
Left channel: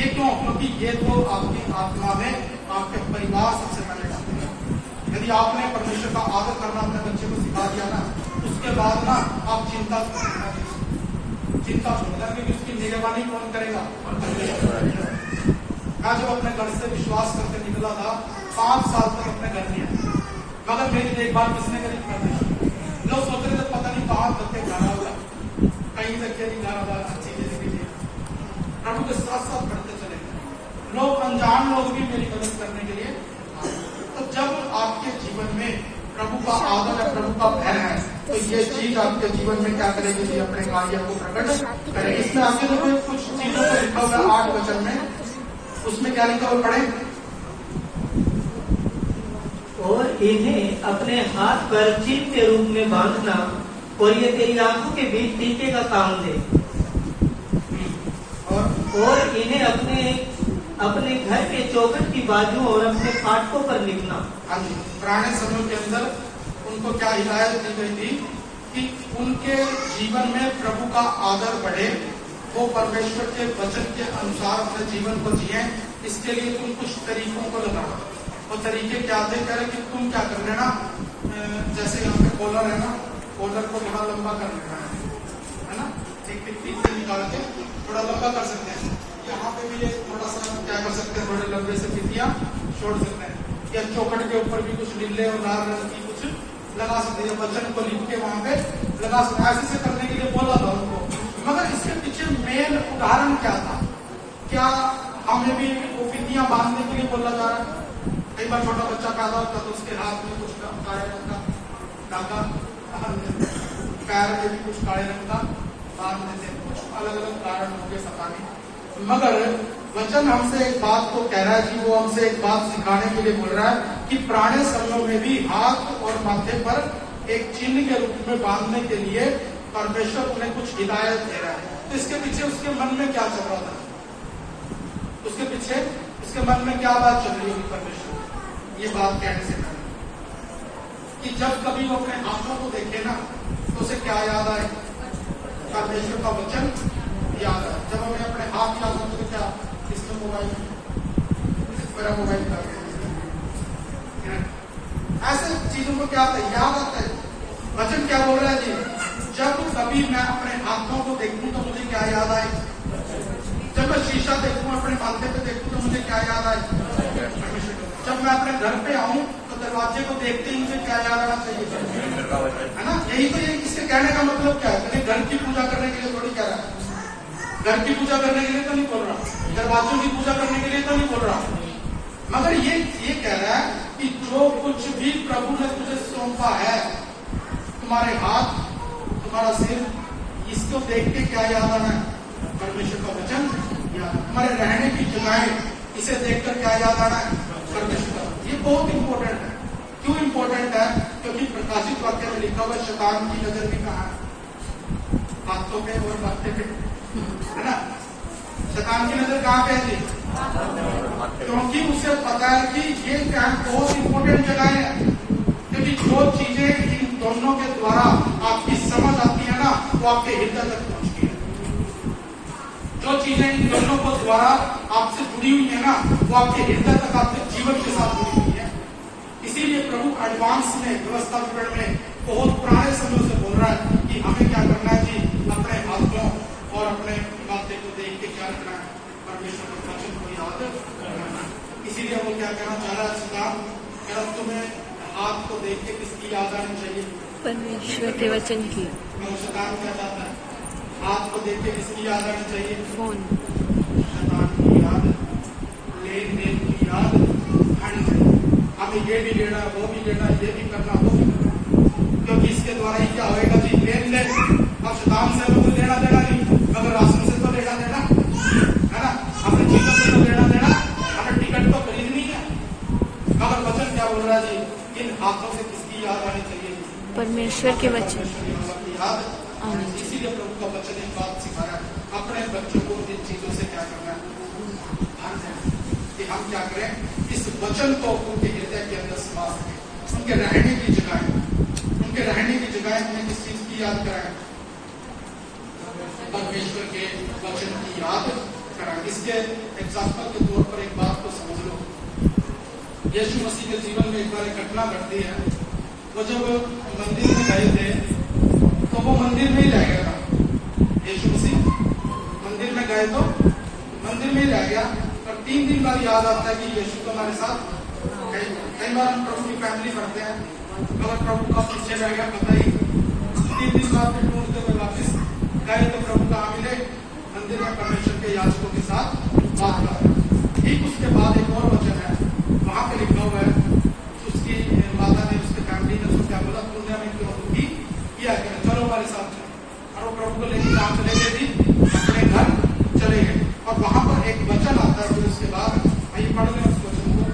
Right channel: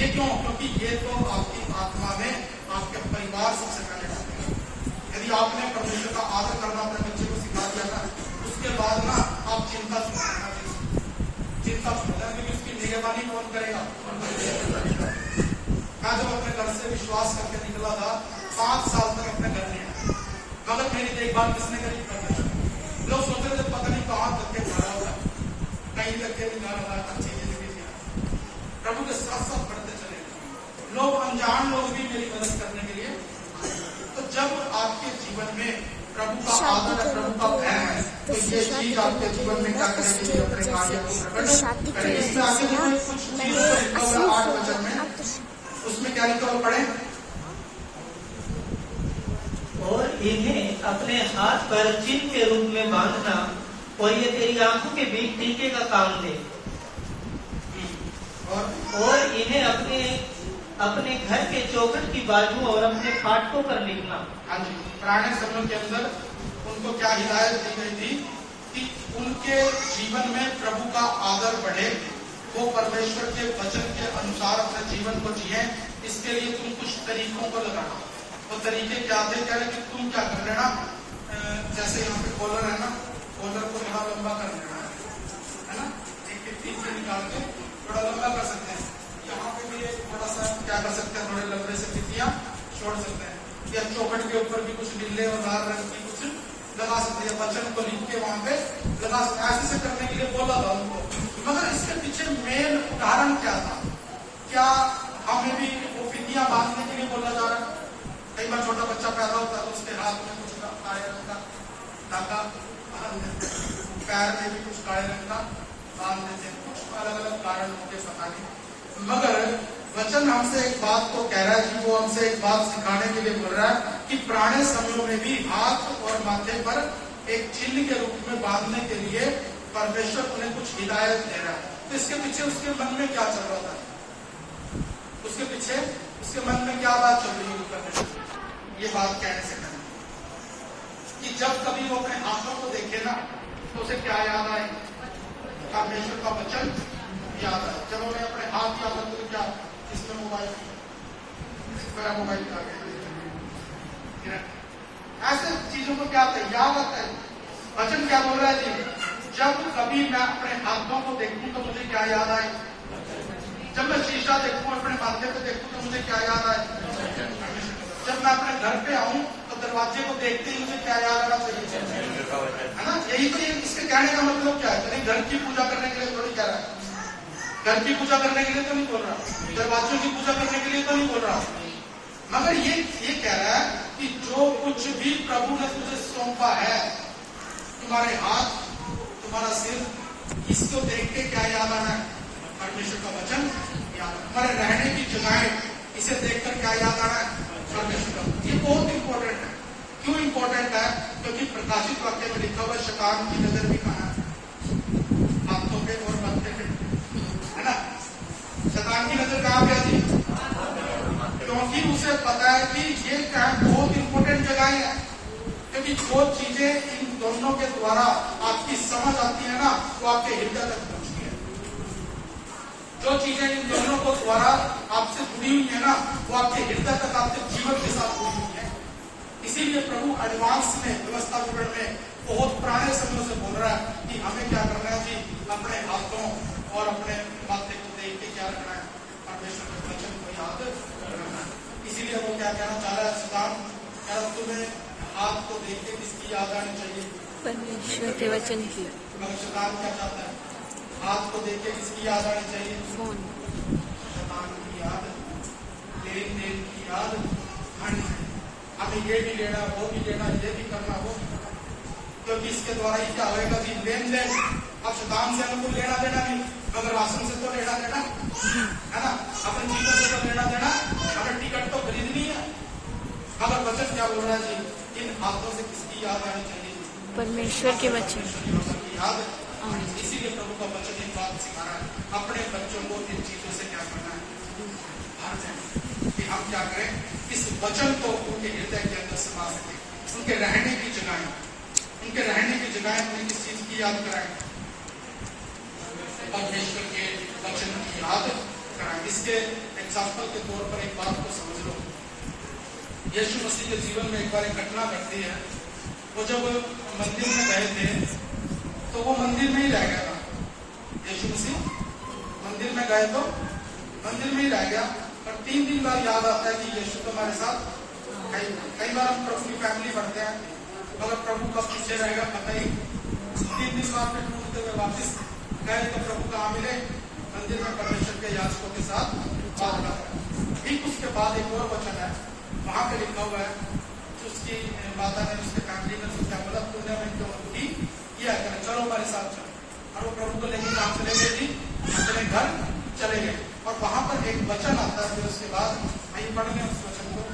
ये क्यों? क्योंकि ये तो आपकी आत्मा में आपके परिवार सबसे पहले डालती है। यदि आपने परमेश्वर का आदर करना अपने बच्चे को सिखा दिया ना, उसके बाद ना आप चिंता क्योंकि उसकी निगरानी कौन करेगा? मैं जब अपने घर से विश्वास करके निकला था, 5 साल तक अपने घर नहीं आया, मगर मेरी देखभाल किसने करी? लोग सोच रहे थे पता नहीं कहाँ करते गाना होगा, कहीं तक के नहीं गाना था, अच्छी चीजें के लिए प्रभु के साथ साथ बढ़ते चले गए। लोग अनजान लोग भी मेरी मदद करने के लिए। तो जब आपके जीवन में प्रभु का आदर और प्रभु का भय है, तो ये चीज आपके जीवन में क्या करेगी कि अपने कार्य को प्रकट करेगी। इसमें आगे जो कुछ चीजों को लिखा हुआ 8 वचन में, उसमें क्या लिखा हुआ पढ़े? और इन्हें अपने हाथ पर चिन्ह के रूप में बांधना, और ये तेरी आंखों के बीच टीके का काम ले। और इन्हें अपने घर के चौखट की बाजू और अपने फाटकों पर लिखना। हाँ जी, पुराने समय के अंदर उनको क्या हिदायत दी गई थी कि उनके जीवन में प्रभु का आदर बढ़े, वो परमेश्वर के वचन के अनुसार अपने जीवन को जिए। इसके लिए तुम कुछ तरीकों को लगाना। वो तरीके क्या थे? कह रहे कि तुम क्या कर लेना, जैसे यहाँ पे कॉलर है ना, कॉलर को यहाँ लंबा कर लेना है ना, एक टिप्पी से निकाल के थोड़ा लंबा कर सकते हैं। यहाँ पे भी थोड़ा सा क्या कर सकते हैं, थोड़े लंबे से टिप्पियां छोड़ सकते हैं, या चौखट के ऊपर भी कुछ नीले और लाल रंग की कुछ लगा सकते हैं, वचन को लिख के वहां पे लगा सकते हैं। ऐसे से करने के लिए बोला था उनको, मगर इसके पीछे मेन उदाहरण क्या था? क्या हमें भी वो टिप्पियां बांधने के लिए बोला जा रहा है? कई बार छोटा बच्चा पैदा होता तो उसके हाथ में कुछ काले रंग का धागा, पैर में भी कुछ काले रंग का बांध देते हैं, अलग अलग कारण मुझे पता नहीं। मगर वचन हमसे एक बात को कह रहा है जी, वो हमसे एक बात सिखाने के लिए बोल रहा है कि पुराने समयों में भी हाथ और माथे पर एक चिन्ह के रूप में बांधने के लिए परमेश्वर उन्हें कुछ हिदायत दे रहा है। तो इसके पीछे उसके मन में क्या चल रहा था? उसके पीछे उसके मन में क्या बात चल रही है? परमेश्वर ये बात कहने से कि जब कभी वो अपने हाथों को देखे ना, तो उसे क्या याद आए? परमेश्वर का वचन याद आए। जब हमें अपने हाथ याद आते तो क्या इसमें मोबाइल, मेरा मोबाइल था, ऐसे चीजों को क्या याद आता है? वचन क्या बोल रहा है जी? जब कभी मैं अपने हाथों को देखूं तो मुझे क्या याद आए? जब मैं शीशा देखूं, अपने माथे पे देखूं तो मुझे क्या याद आए? जब मैं अपने घर पे आऊं तो दरवाजे को देखते ही मुझे क्या याद आना चाहिए? है ना? यही तो इसके कहने का मतलब क्या है? कहीं घर की पूजा करने के लिए थोड़ी कह रहा है, घर की पूजा करने के लिए तो नहीं बोल रहा, दरवाजों की पूजा करने के लिए तो नहीं बोल रहा, मगर ये कह रहा है कि जो कुछ भी प्रभु ने तुझे सौंपा है, तुम्हारे हाथ, तुम्हारा सिर, इसको देख के क्या याद आना है? परमेश्वर का वचन याद। तुम्हारे रहने की जगहें, इसे देखकर क्या याद आना है? परमेश्वर का। ये बहुत इंपॉर्टेंट है। क्यों इंपॉर्टेंट है? क्योंकि प्रकाशित वाक्य में लिखा हुआ शैतान की नजर भी कहाँ है? हाथों पे और माथे पे, है ना? शैतान की नजर कहाँ पे है जी? क्योंकि उसे पता है कि ये बहुत इंपॉर्टेंट जगह है, क्योंकि जो चीजें इन दोनों के द्वारा आपकी समझ आती है ना, वो आपके हृदय तक पहुंचती है। जो चीजें इन दोनों को द्वारा आपसे जुड़ी हुई है ना, वो आपके हृदय तक, आपके जीवन के साथ जुड़ी हुई है। इसीलिए प्रभु एडवांस में, व्यवस्था विवरण में बहुत पुराने समय से बोल रहा है कि हमें क्या करना है जी? अपने हाथों और अपने माथे को देख के क्या करना है? परमेश्वर के वचन को याद करना है। इसीलिए वो क्या कहना चाह रहा है? सुधार तुम्हें हाथ को देख के किसकी याद आनी चाहिए? परमेश्वर के वचन की। सुधार क्या चाहता है? हाथ को देख के किसकी याद आनी चाहिए? फोन। शैतान की याद, लेन देन की याद आनी चाहिए। हमें ये भी लेना, वो भी लेना, ये भी करना, वो भी करना, क्योंकि इसके द्वारा ही क्या होएगा जी, लेन देन। अब शैतान से हमें कोई लेना देना नहीं, मगर राशन से तो लेना देना है ना, अपनी चीजों से तो लेना देना, हमें टिकट तो खरीदनी है। मगर वचन क्या बोल रहा है जी, इन हाथों से किसकी याद आनी चाहिए? परमेश्वर के वचन परमेश्वर की याद आनी चाहिए। इसीलिए प्रभु का वचन एक बात सिखा रहा है, अपने बच्चों को इन चीजों से क्या करना है, कि हम क्या करें, इस वचन को उनके हृदय के अंदर समा सके, उनके रहने की जगह उन्हें किस चीज की याद कराएं, परमेश्वर के वचन की याद कराएं। इसके एग्जाम्पल के तौर पर एक बात को समझ लो, यीशु मसीह के जीवन में एक बार एक घटना घटती है। वो जब मंदिर में गए थे तो वो मंदिर में ही रह गया था। यीशु मसीह मंदिर में गए तो मंदिर में ही रह गया, और 3 दिन बाद याद आता है कि यीशु तो हमारे साथ नहीं। कई बार हम प्रभु की फैमिली बढ़ते हैं, अगर प्रभु का पीछे रह गया पता ही, 3 दिन बाद फिर ढूंढते हुए वापस गए तो प्रभु का मिले मंदिर में परमेश्वर के याजकों के साथ बात कर। ठीक उसके बाद एक और वचन है, वहां पे लिखा हुआ है, उसकी माता ने, उसके फैमिली ने उसको क्या बोला, 15 मिनट की वक्त की किया करें, चलो हमारे साथ चलो। और वो प्रभु को लेकर कहाँ चले गए थी, अपने घर चले गए। और वहां पर एक वचन आता है, जो उसके बाद वही पढ़ लें उस वचन को,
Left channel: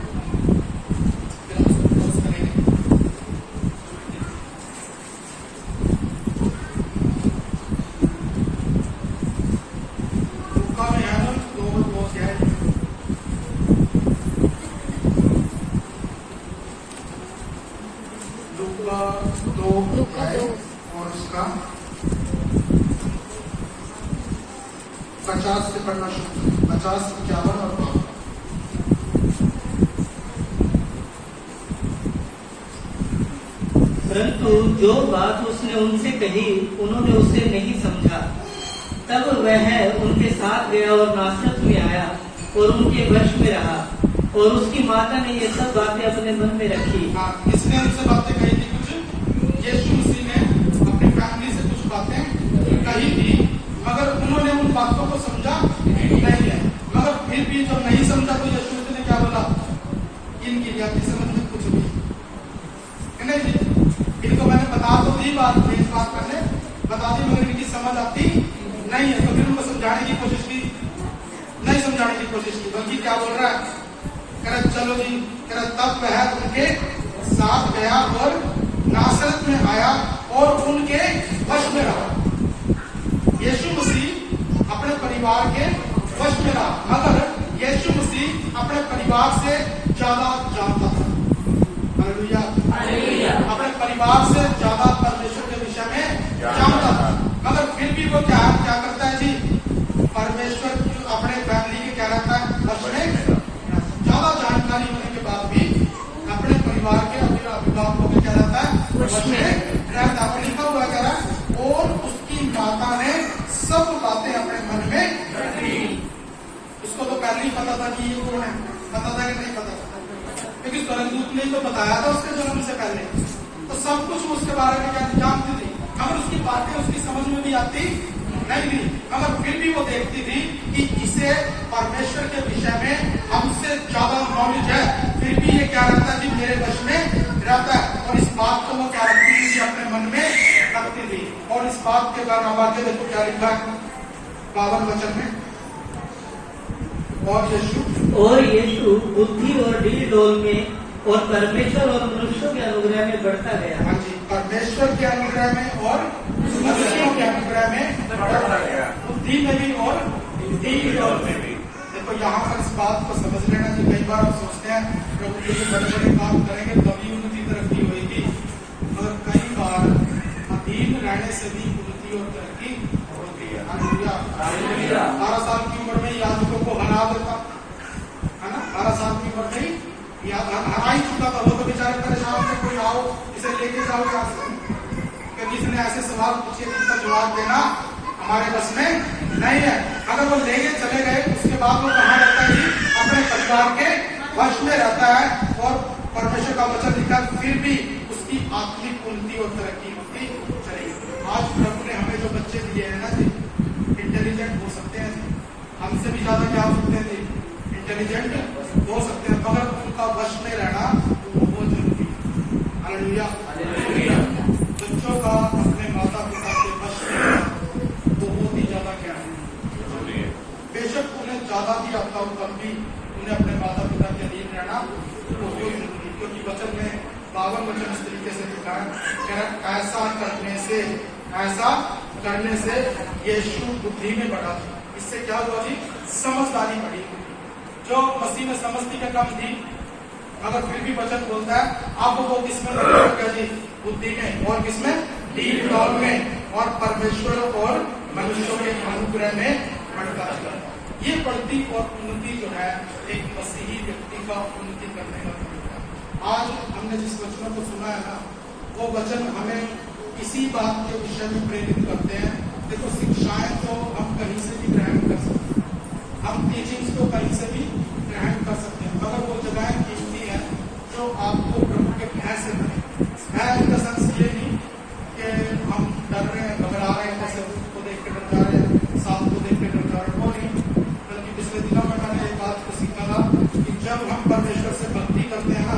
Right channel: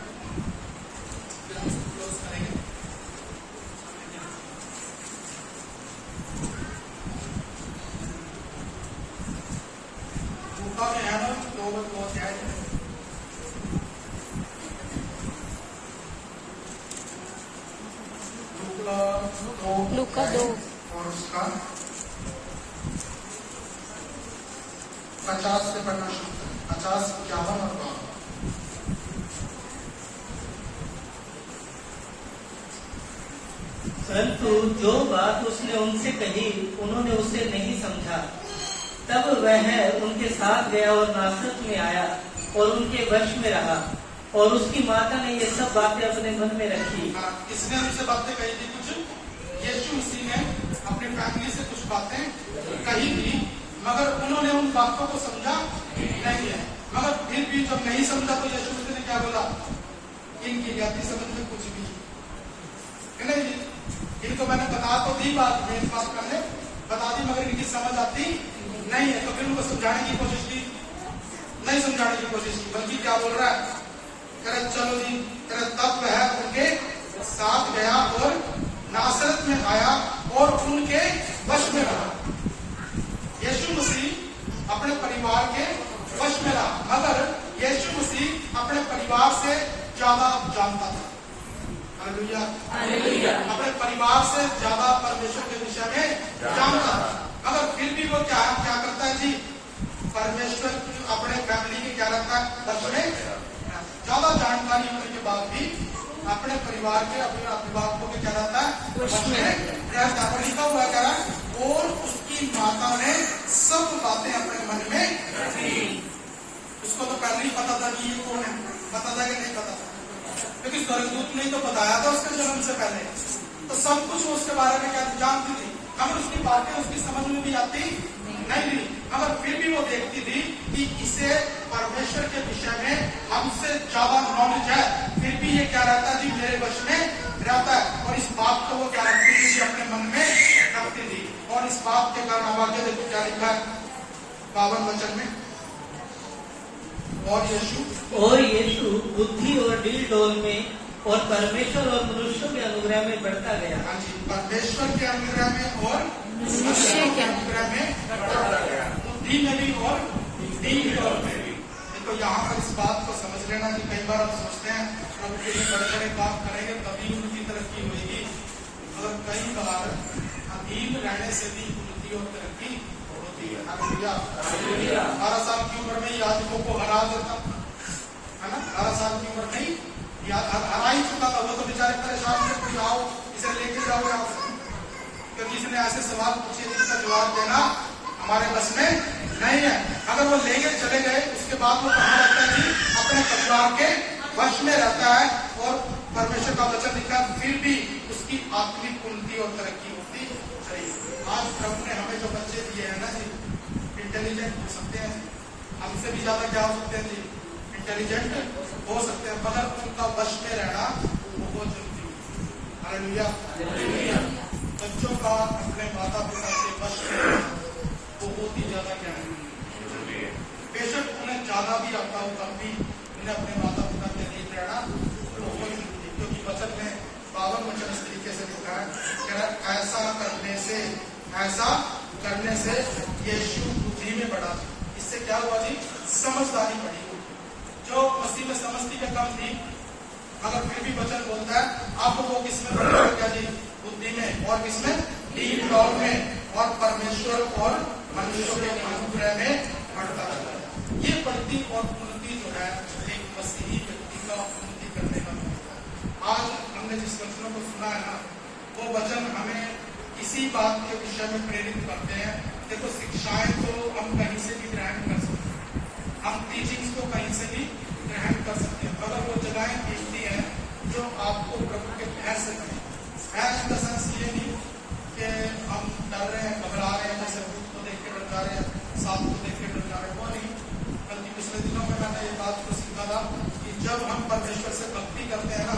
लूका 2 और उसका 50 से पढ़ना शुरू, 50, 51 और 52। परंतु जो बात उसने उनसे कही उन्होंने उसे नहीं समझा। तब वह उनके साथ गया और नासरत में आया और उनके वश में रहा, और उसकी माता ने ये सब बातें अपने मन में रखी। किसने उनसे बातें कही थी? कुछ यीशु मसीह ने अपनी फैमिली से कुछ बातें कही थी, मगर उन्होंने उन बातों को समझा नहीं है। मगर फिर भी जब नहीं समझा तो यीशु मसीह ने क्या बोला, इनकी जाति समझ में कुछ भी नहीं थी, इनको मैंने बता तो दी बात, ये बात मैंने बता दी, मगर इनकी समझ आती नहीं है। तो फिर उनको समझाने की कोशिश की, नहीं समझाने की कोशिश की, बल्कि क्या बोल रहा है, करे चलो जी, करे तब वह उनके साथ गया और नासरत में आया और उनके वश में रहा। यीशु मसीह अपने परिवार के वश में रहा, मगर यीशु मसीह अपने परिवार से ज्यादा जानता था। हालेलुया। अपने परिवार से ज्यादा परमेश्वर के विषय में जानता था, मगर फिर भी वो क्या करता है जी, परमेश्वर अपने फैमिली के क्या रहता है, वश में। ज्यादा जानकारी होने के बाद भी अपने परिवार के, अपने अभिभावकों के क्या रहता है, वश में रहता है। लिखा हुआ क्या है, और उसकी माता ने सब बातें अपने मन में रखी। उसको तो पहले ही पता था कि ये कौन है, पता था कि नहीं पता था, क्योंकि स्वर्गदूत ने तो बताया था उसके जन्म से पहले, तो सब कुछ उसके बारे में क्या जानती थी। मगर उसकी बातें उसकी समझ में भी आती नहीं थी, मगर फिर भी वो देखती थी कि इसे परमेश्वर के विषय में हमसे ज्यादा नॉलेज है, फिर भी ये क्या रहता है जी, मेरे वश में रहता है। और इस बात को वो क्या रखती थी, अपने मन में रखती थी। और इस बात के द्वारा वाक्य देखो क्या लिखा है 52 वचन में, और यीशु बुद्धि और डील डोल में और परमेश्वर और मनुष्यों के अनुग्रह में बढ़ता गया। हाँ जी, परमेश्वर के अनुग्रह में और मनुष्यों के अनुग्रह में बढ़ता गया, बुद्धि में भी और डील डोल में भी। देखो यहाँ पर इस बात को समझ लेना कि कई बार हम सोचते हैं प्रभु के लिए बड़े बड़े काम करेंगे तभी उनकी तरक्की होगी, मगर कई बार अधीन रहने से भी उन्नति और तरक्की होती है। 12 साल की उम्र में याजकों को हरा देता है ना, 12 साल की उम्र में हरा ही चुका था। वो तो बेचारे परेशान थे, कोई आओ इसे लेके जाओ यहाँ से, क्योंकि इसने ऐसे सवाल पूछे जिसका जवाब देना हमारे बस में नहीं है। अगर वो लेके चले गए उसके बाद वो कहाँ रहता है जी, अपने परिवार के वश में रहता है। और परमेश्वर का वचन लिखा, फिर भी उसकी आत्मिक उन्नति और तरक्की होती चलेगी। आज प्रभु ने हमें जो बच्चे दिए हैं ना जी, इंटेलिजेंट हो सकते हैं, हमसे भी ज्यादा क्या हो सकते हैं जी, इंटेलिजेंट हो सकते हैं, मगर उनका वश में रहना हालेलुया। बच्चों का अपने माता पिता के वश में रहना बहुत ही ज्यादा ज्ञानी है। बेशक उन्हें ज्यादा भी आता हो तब भी उन्हें अपने माता पिता के अधीन रहना क्योंकि वचन में 52 वचन इस तरीके से लिखा है, ऐसा करने से यीशु बुद्धि में बढ़ा। इससे क्या हुआ जी? समझदारी बढ़ी। जो मसीह में समझती में कम थी, मगर फिर भी वचन बोलता है आपको वो किसमें बढ़ने लग गया जी? बुद्धि में। और किसमें? डीप डाउन में। और परमेश्वर और मनुष्यों के अनुग्रह में बढ़ता है। ये बढ़ती और उन्नति जो है एक मसीही व्यक्ति का उन्नति करने का होता है। आज हमने जिस वचनों को सुना है ना, वो वचन हमें इसी बात के विषय में प्रेरित करते हैं। देखो, शिक्षाएं तो हम कहीं से भी ग्रहण कर सकते हैं, हम टीचिंग्स को कहीं से भी ग्रहण कर सकते हैं, मगर वो जगहें कीमती हैं जो आपको प्रभु के भय से बने। भय इन द सेंस ये नहीं कि हम डर रहे हैं, घबरा रहे हैं, जैसे रूप को देख के डर जा रहे हैं, सांप को देख के डर जा रहे हैं, वो नहीं। बल्कि पिछले दिनों में मैंने एक बात को सीखा था कि जब हम परमेश्वर से भक्ति करते हैं ना,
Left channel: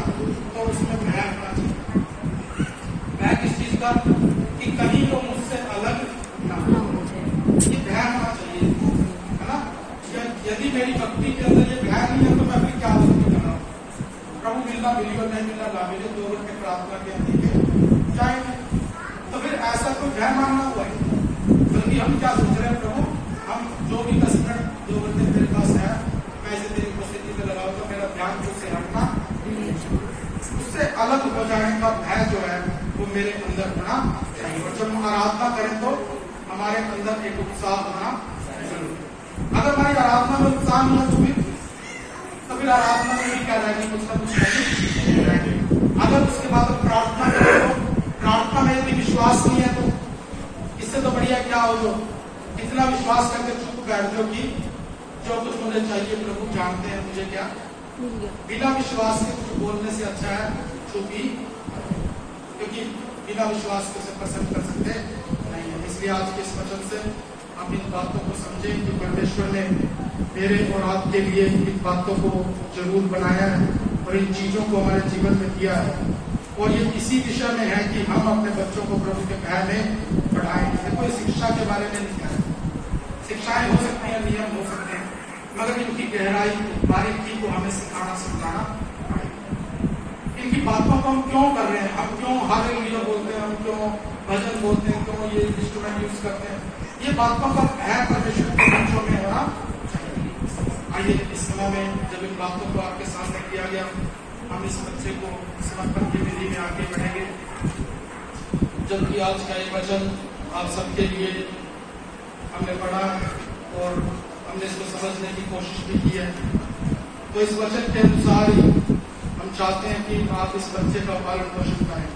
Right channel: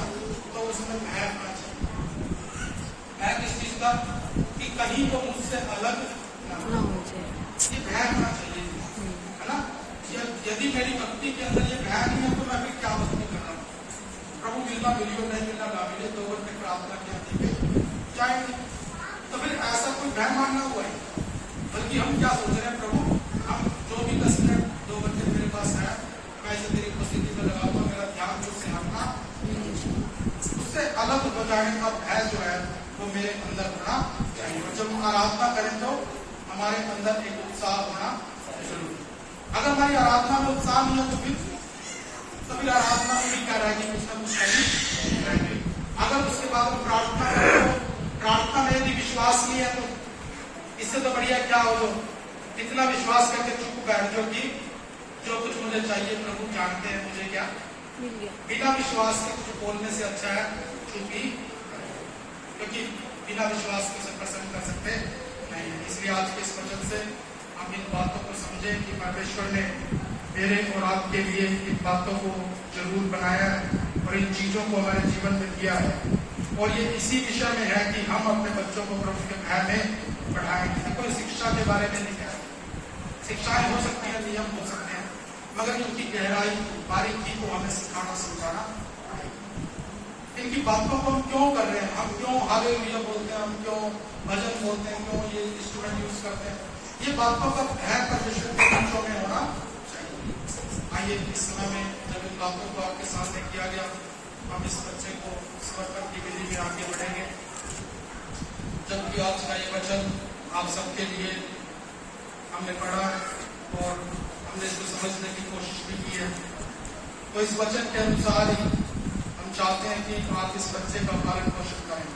तो उसमें भय होना चाहिए। भय किस चीज का? कि कहीं वो मुझसे अलग ना हो जाए, ये भय होना चाहिए, है ना? यदि मेरी भक्ति के अंदर ये भय नहीं है तो मैं फिर क्या भक्ति कर रहा हूँ? प्रभु मिलना मिलियो नहीं मिलना लामिले 2 घंटे प्रार्थना के अंदर जाए, तो फिर ऐसा कोई भय मानना हुआ है। बल्कि हम क्या सोच रहे हैं, प्रभु हम जो भी 10 मिनट 2 घंटे मेरे पास है, मैं इसे तेरी उपस्थिति में लगाऊं तो मेरा ध्यान उससे हटना, उससे अलग हो जाने का भय जो है वो मेरे अंदर होना चाहिए। और जब हम आराधना करें तो हमारे अंदर एक उत्साह होना जरूरी है। अगर हमारी आराधना में उत्साह नहीं हो तो फिर आराधना में भी क्या रहेगी? कुछ ना कुछ रहेगी। अगर उसके बाद प्रार्थना करें तो प्रार्थना में यदि विश्वास नहीं है तो इससे तो बढ़िया क्या हो, जो इतना विश्वास करके चुप बैठ गयो कि जो कुछ मुझे चाहिए प्रभु जानते हैं मुझे क्या मिल गया। बिना विश्वास के कुछ बोलने से अच्छा है चुपी, क्योंकि बिना विश्वास के से प्रसन्न कर सकते नहीं है। इसलिए आज के इस वचन से हम इन बातों को समझें कि परमेश्वर ने मेरे और आपके लिए इन बातों को जरूर बनाया है और इन चीजों को हमारे जीवन में किया है। और ये इसी विषय में है कि हम अपने बच्चों को प्रभु के भय में बढ़ाएंगे। देखो, शिक्षा के बारे में नहीं कह रहे, शिक्षाएं हो सकती हैं, नियम हो सकते हैं, मगर इनकी गहराई बारीकी को हमें सिखाना समझाना। इनकी बातों को हम क्यों कर रहे हैं, हम क्यों हालेलुया बोलते हैं, हम क्यों भजन बोलते हैं, क्यों ये इंस्ट्रूमेंट यूज करते हैं, ये बातों का भय परमेश्वर के बच्चों में होना चाहिए। आइए इस समय में जब इन बातों को आपके सामने किया गया, हम इस बच्चे को समर्पण की विधि में आगे बढ़ेंगे। जबकि आज का ये वचन आप सबके लिए हमने पढ़ा और हमने इसको समझने की कोशिश भी की है, तो इस वचन के अनुसार ही हम चाहते हैं कि आप इस बच्चे का पालन पोषण करें।